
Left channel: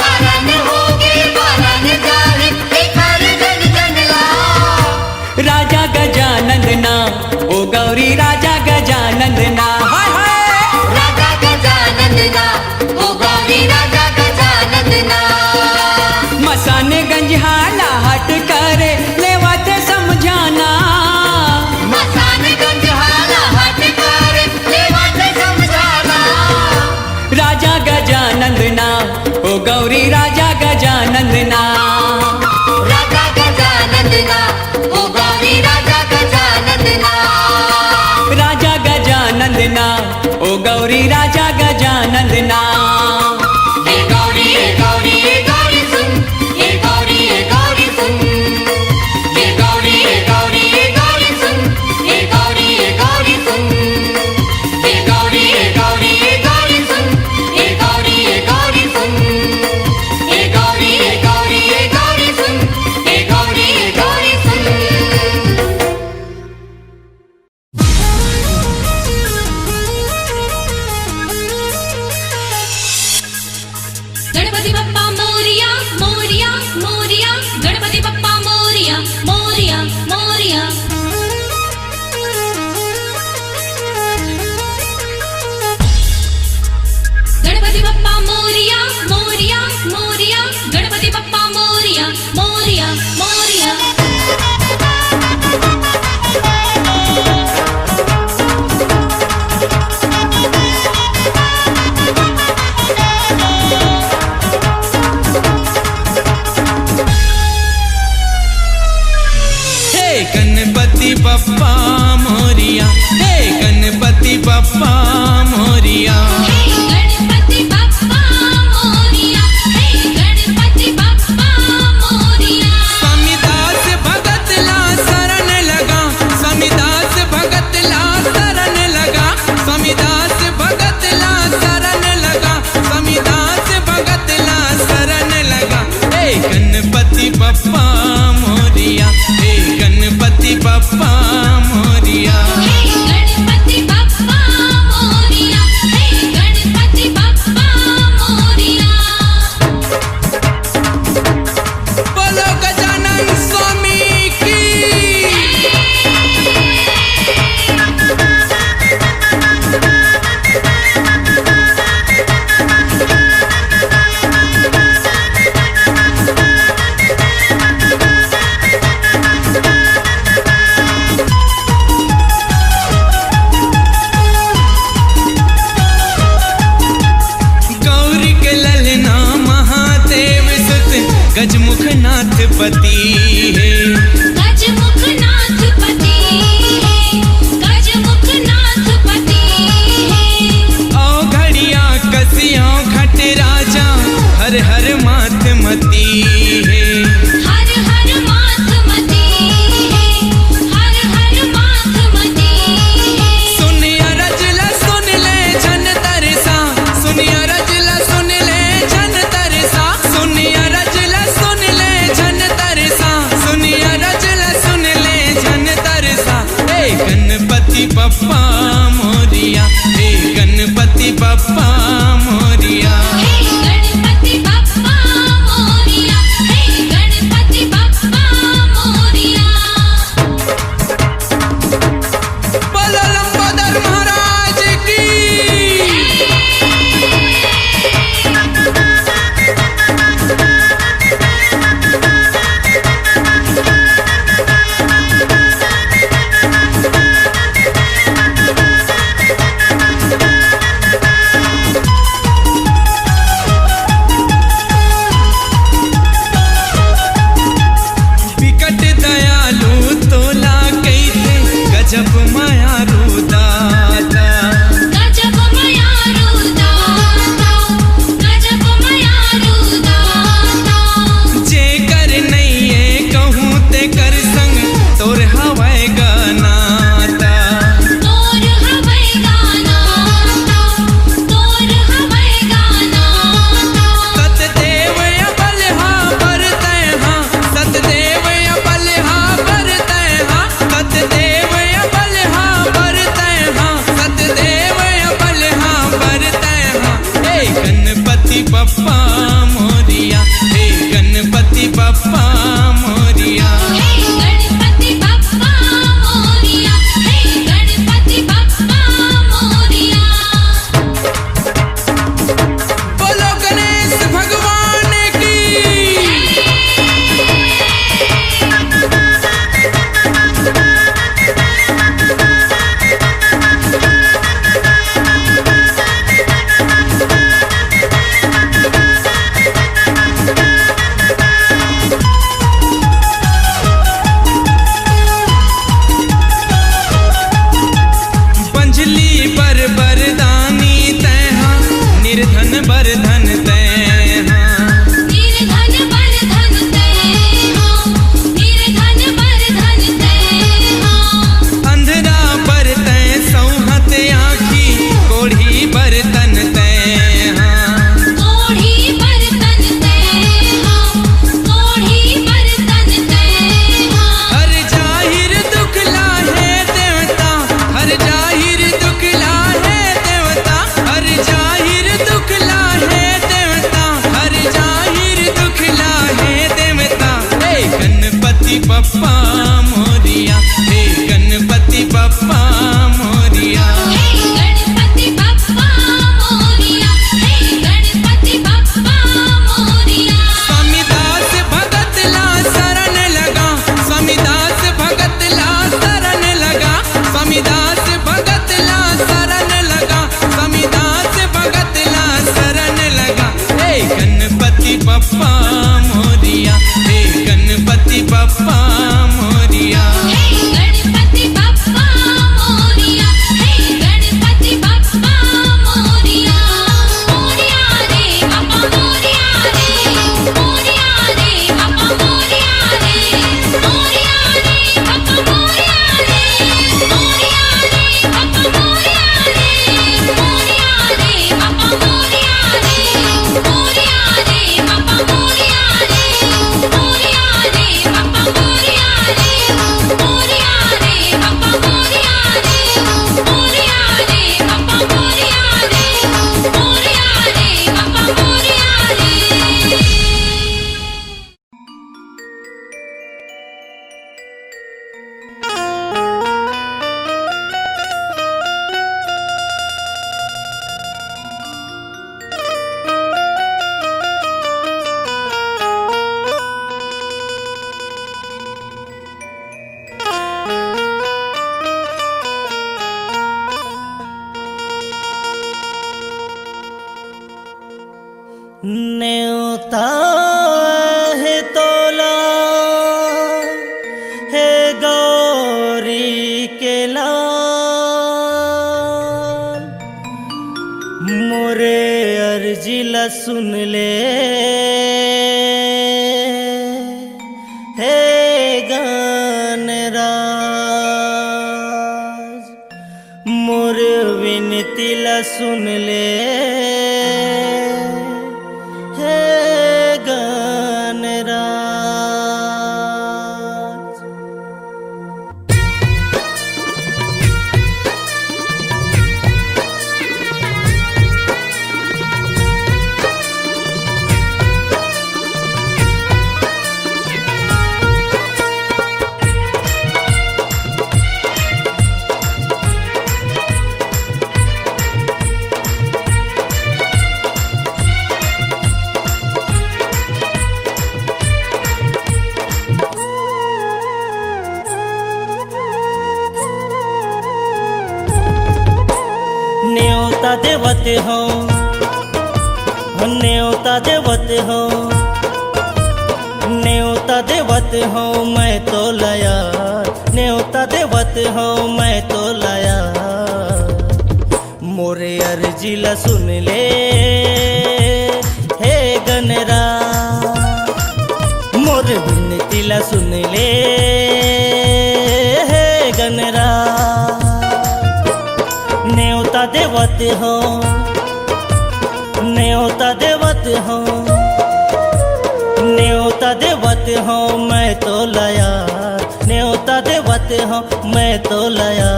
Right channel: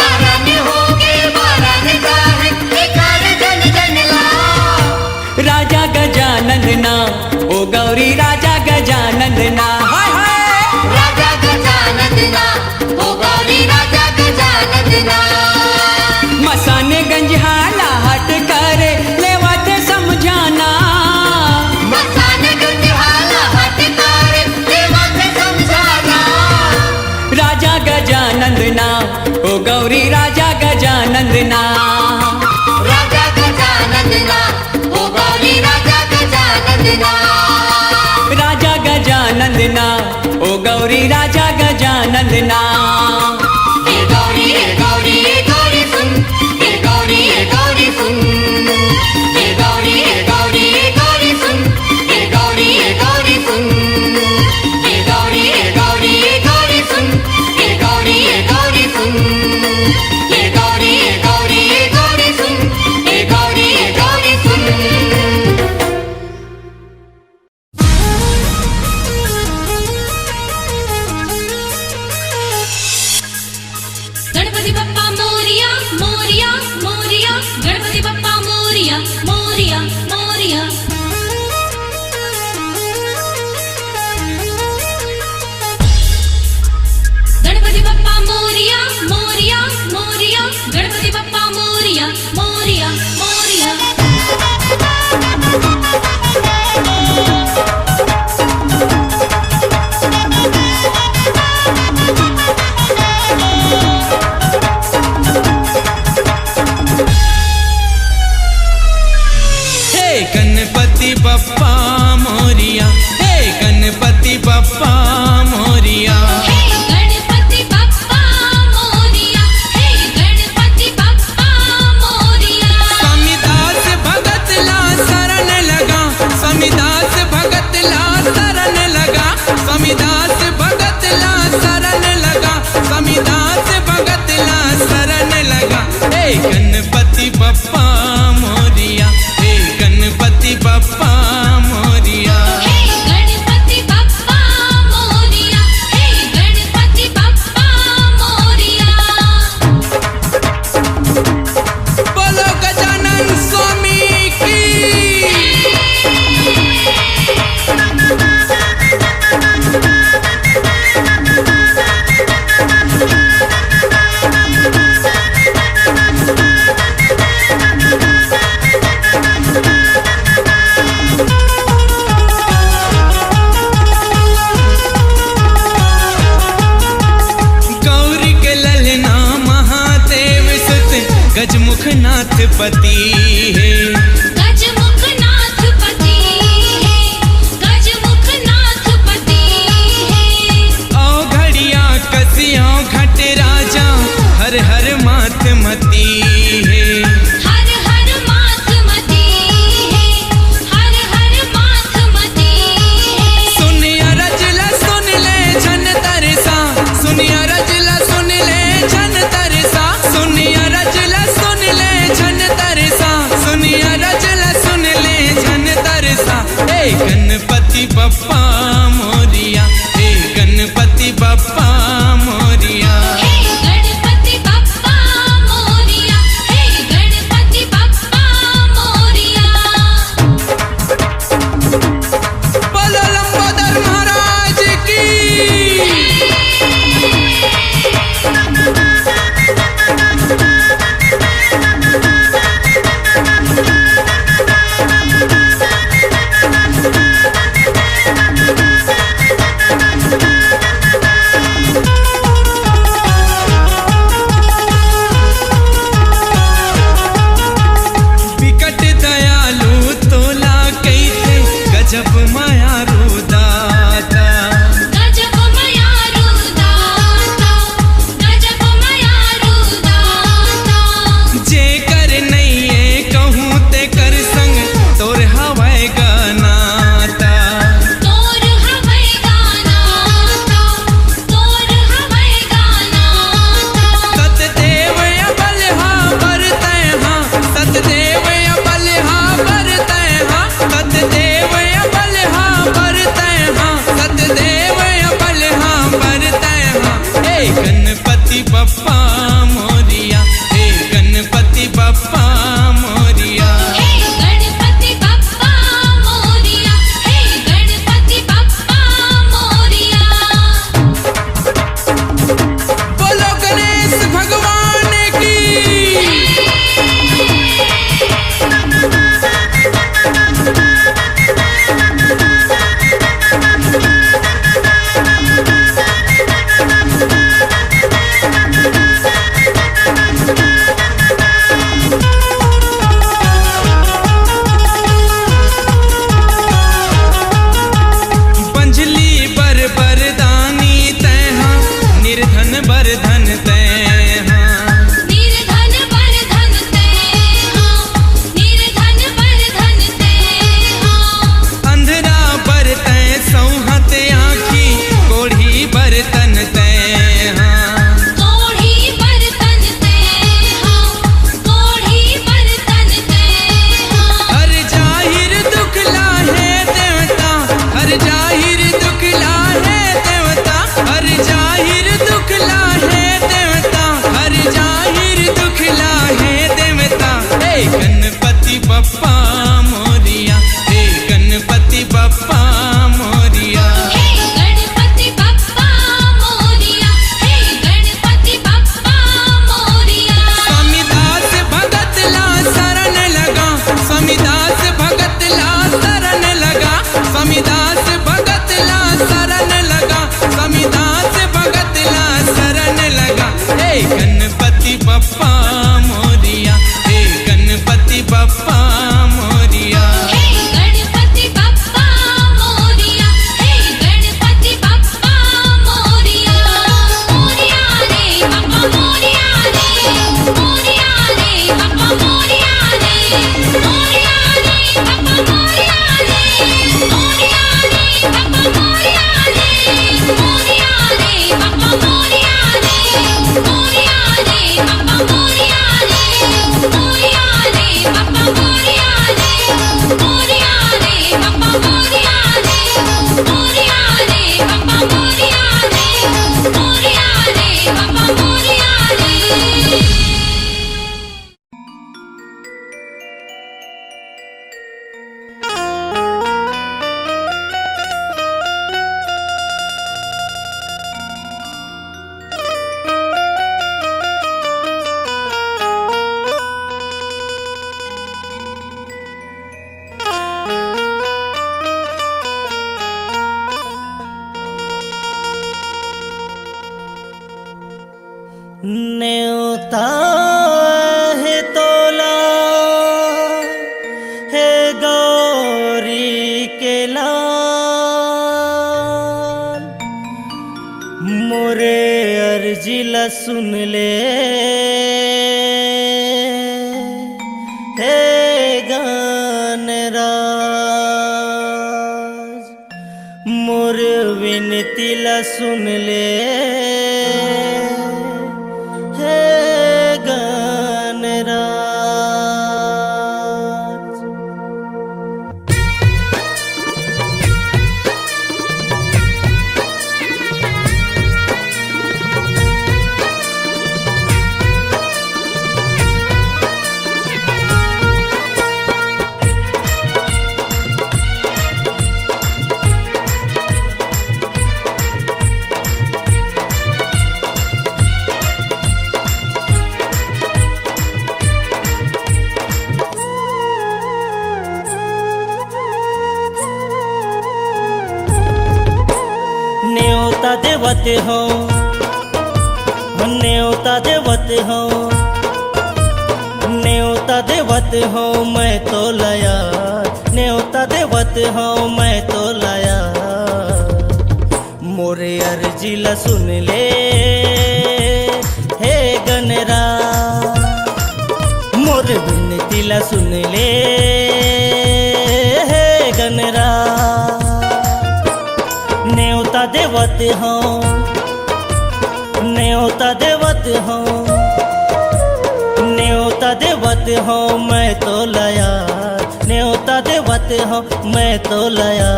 कारण होगे बारन जाहे एकार जन जन ला राजा गजानंदना ओ गौरी राजा गजानंदना हाय हाय राजा गजानंदना ओ गौरी राजा गजानंदना मसान गंज हाला हट करे लेवा थे समझाना मसान गंज हाला हट कर देवा थे समझाना राजा गजानंदना ओ गौरी राजा गजानंदना राजा गजानंदना ओ गौरी राजा गजानंदना राजा गजानंदना ओ गौरी राजा गजानंदना ए गौरी सुन ए गौरी सुन ए गौरी सुन ए गौरी सुन ए गौरी सुन ए गौरी सुन ए गौरी सुन ए गौरी सुन पति है। गजमुख नाथ पति है, गजमुख नाथ पति है। औ घड़िया कसियों घट राजा हर हर मात मती है। हर हर माथ मती है, हर हर माथ मती है। सुनिया रजला सुन ले झन तरसा, सुनिया रजला सुन ले झन तरसा, सुनिया रजला सुन ले झन तरसा, सुनिया रजला सुन ले झन तरसा। हे गणपति बप्पा मोरिया, हे गणपति बप्पा मोरिया। हे गणपति बप्पा मोरिया, हे गणपति बप्पा मोरिया। बोलो लंबोदर महाराज की। विकट दयालु तोला कैथे गजब मायारू दाता। गजब मायारू दाता, गजब मायारू दाता। जे कर नैये कहूँ ते कर संग तोर हवाय गनाता। तोर हवै गानाता, तोर हवै गानाता। सतदेव अबलहा बरतै हाँ, सतदेव अबलहा बरतै हाँ, सतदेव अबलहा बरतै हाँ, सतदेव अबलहा बरतै हाँ। हे गणपति बप्पा मोरिया, हे गणपति बप्पा मोरिया। हे गणपति बप्पा मोरिया, हे गणपति बप्पा मोरिया। बोलो गणेश भगवान की। पंजली बर बरदानी तैहा, निर्धन बरधन तैहा। निर्धन बरधन तैहा, निर्धन बरधन तैहा। अंधरा बरतै सौहत आँखी, कोढ़ी बरतन तैहा। कोढ़ी बरतन तैहा, कोढ़ी बरतन तैहा। हर जाहिर दुख लाहे देवता, हर जाहिर दुख लाहे देवता, हर जाहिर दुख लाहे देवता, हर जाहिर दुख लाहे देवता। हे गणपति बप्पा मोरिया, हे गणपति बप्पा मोरिया। हे गणपति बप्पा मोरिया, हे गणपति बप्पा मोरिया। स्वामी दास भगत ला शरण लगा, स्वामी दास भगत ला शरण लगा, स्वामी दास भगत ला शरण लगा, स्वामी दास भगत ला शरण लगा। हे गणपति बप्पा मोरिया, हे गणपति बप्पा मोरिया। हे गणपति बप्पा मोरिया, हे गणपति बप्पा मोरिया। मोरिया रे बाबा मोरिया रे, मोरिया रे बाबा मोरिया रे, मोरिया रे बाबा मोरिया रे, मोरिया रे बाबा मोरिया रे, मोरिया रे बाबा मोरिया रे, मोरिया रे बाबा मोरिया रे, मोरिया रे बाबा मोरिया रे, मोरिया रे बाबा मोरिया रे, मोरिया रे बाबा मोरिया रे, मोरिया रे बाबा मोरिया रे। न्योता है तोला मोरे अर्जिला सुन ले हे गानराज, मोर विनतीला सुन ले हे गानराज। न्योता देवत हो, न्योता देवत हो, न्योता देवत हो मैं तो लाया, न्योता देवत हो मैं तो लाया। मोरे अर्जिला सुन ले हे गनरा, मोर विनतीला सुन ले हे गनरा। न्योता देवत हो, न्योता देवत हो, न्योता देवत हो मैं तो लाया, न्योता देवत हो मैं तो लाया।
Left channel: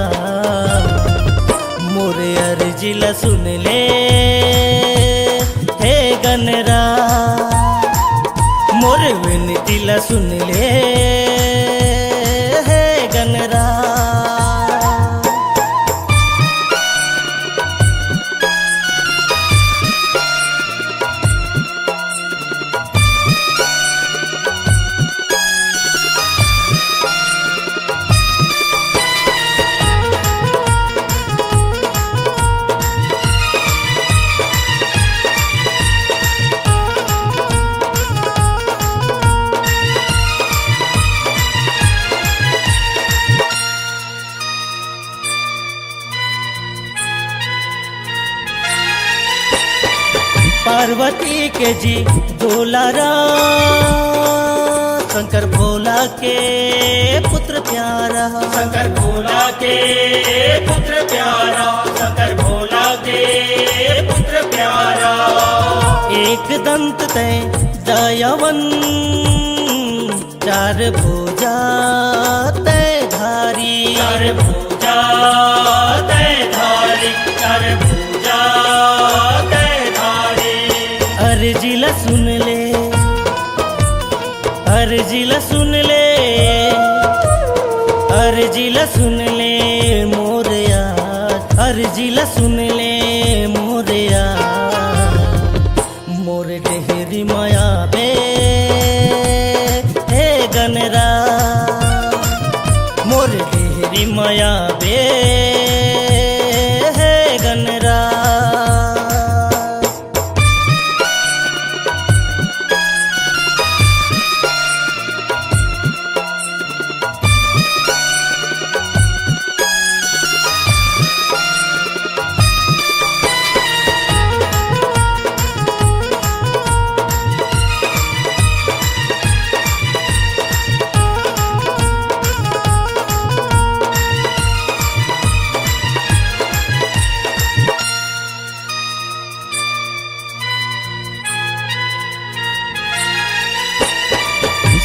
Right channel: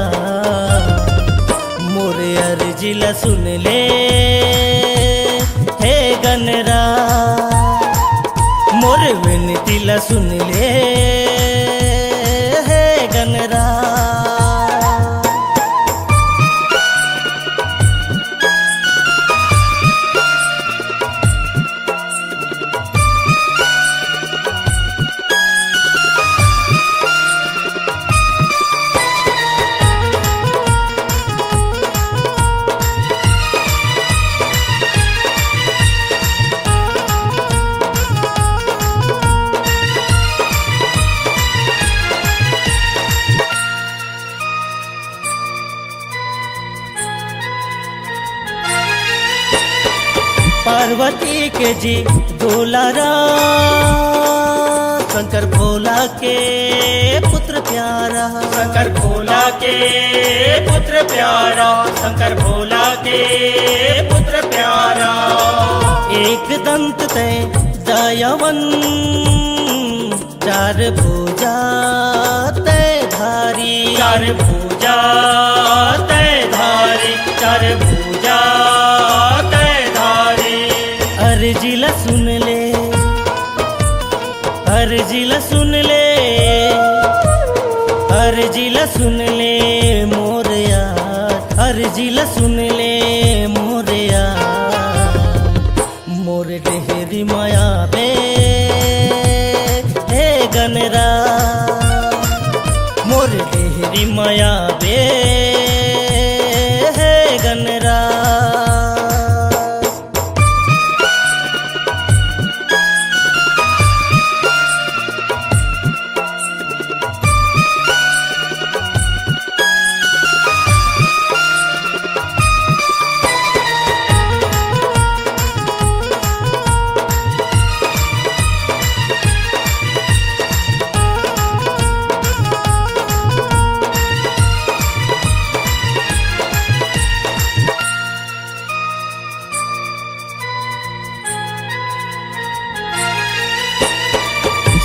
मोरे अर्जिला सुन ले हे गनरा, मोरे विनतीला सुन ले हे गनरा। पार्वती के जी दुलारा, शंकर भोला के पुत्र प्यारा, शंकर भोला के पुत्र प्यारा, शंकर भोला के पुत्र प्यारा। एक दंत तय दयावन, चार भुजा तय धारी, चार भुजा तय धारी, चार भुजा तय धारी। अर्जिला सुन ले, अर्जिला सुन ले, अर्जिला सुन ले मोरया, अर्जिला सुन ले मोरया। मोर डेहरी माया बे हे गनरा, मोर डेहरी माया बे हे गनरा।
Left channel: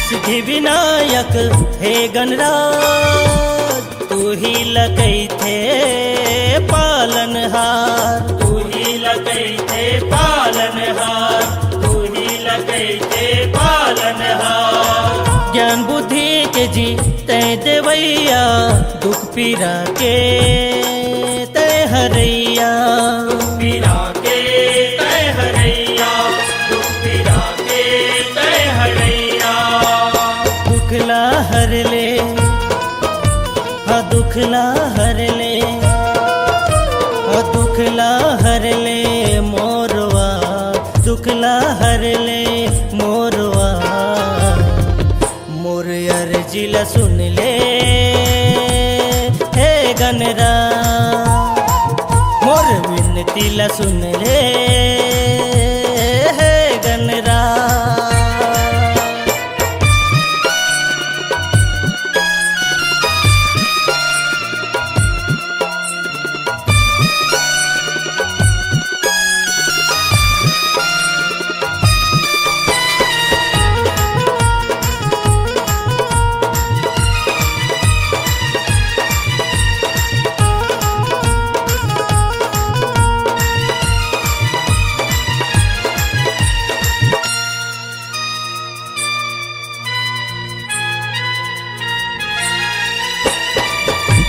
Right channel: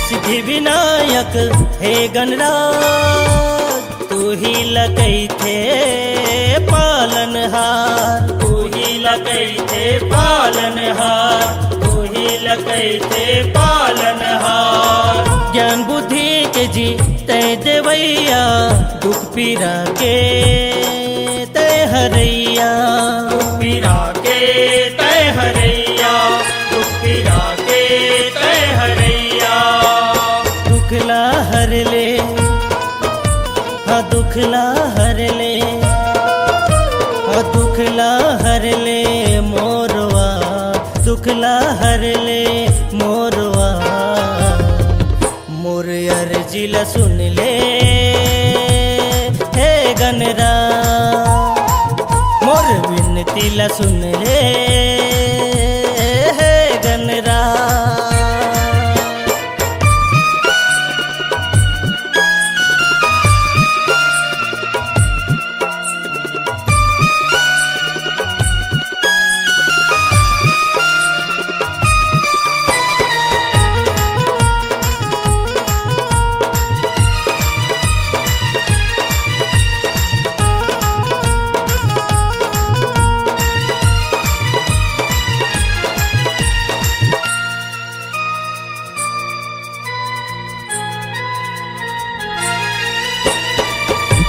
सिद्धि विनायक हे गणराज, तू ही लकई थे पालनहार, तू ही लकई थे पालनहार, तू ही लकई थे पालनहार। ज्ञान बुद्धि के जी तय देवैया, दुख पीरा के तय हरैया, दुख पीरा के तय हरैया, दुख पीरा के तय हरैया। दुखला हर ले, हाँ दुखला हर ले, हाँ दुखला हर ले मोरवा, दुखला हर ले मोरवा। मोर अर्जिला सुन ले हे गनरा, मोर विन बिनती ला सुन ले हे गणरा।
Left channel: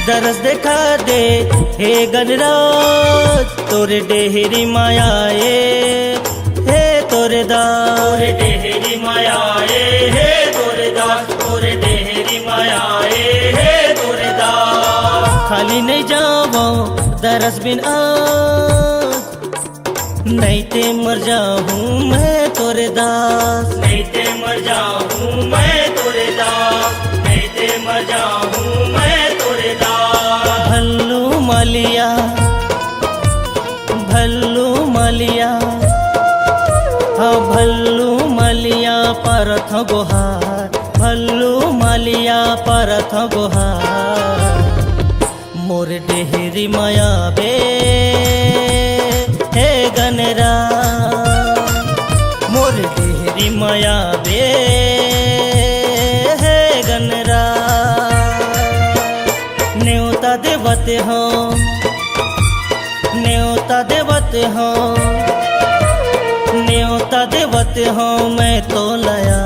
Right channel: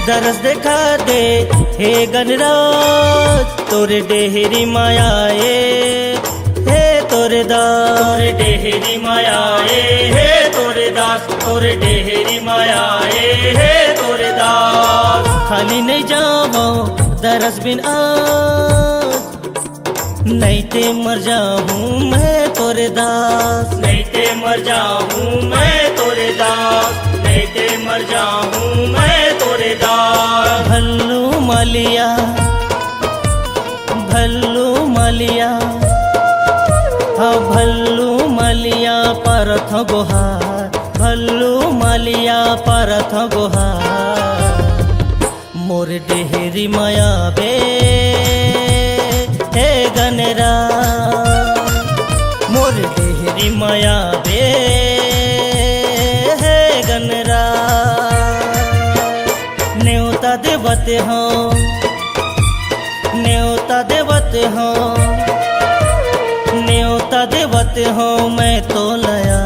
दरस देखा दे हे गणराज तोरे डेहरी मायाए हे तोरे दास तोरे डेहरी मायाए हे तोरे दास तोरे डेहरी मायाए हे तोरे दास। खाली नहीं जावो दरस बिन आज नहीं ते मर जाऊं मैं तोरे दास नहीं ते मर जाऊं मैं तोरे दास नहीं ते मर जाऊं मैं तोरे दास। भल्लू मालिया हाँ भल्लू मालिया परथ गोहार भल्लू मालिया परथ गोहार। मोर डेहरी माया बे हे गणरा मोर डेहरी माया बे हे गणरा। न्योता देवते हो न्योता देवते हो न्योता देवते हो मैं तो लाया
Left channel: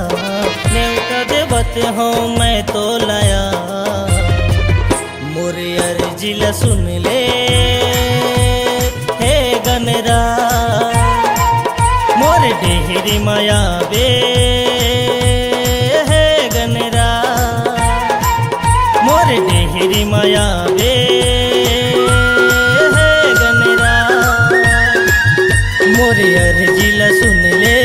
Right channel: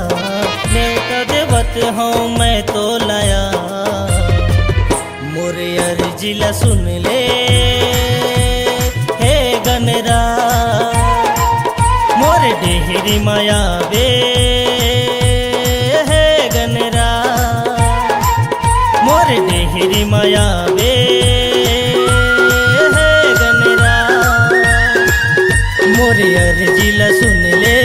न्योता देवते हो मैं तो लाया। मोरे अर्जी ला सुन ले हे गणरा मोरे डेहरी माया बे हे गणरा मोरे डेहरी माया बे हे गणरा। मोरे अर्जी ला सुन ले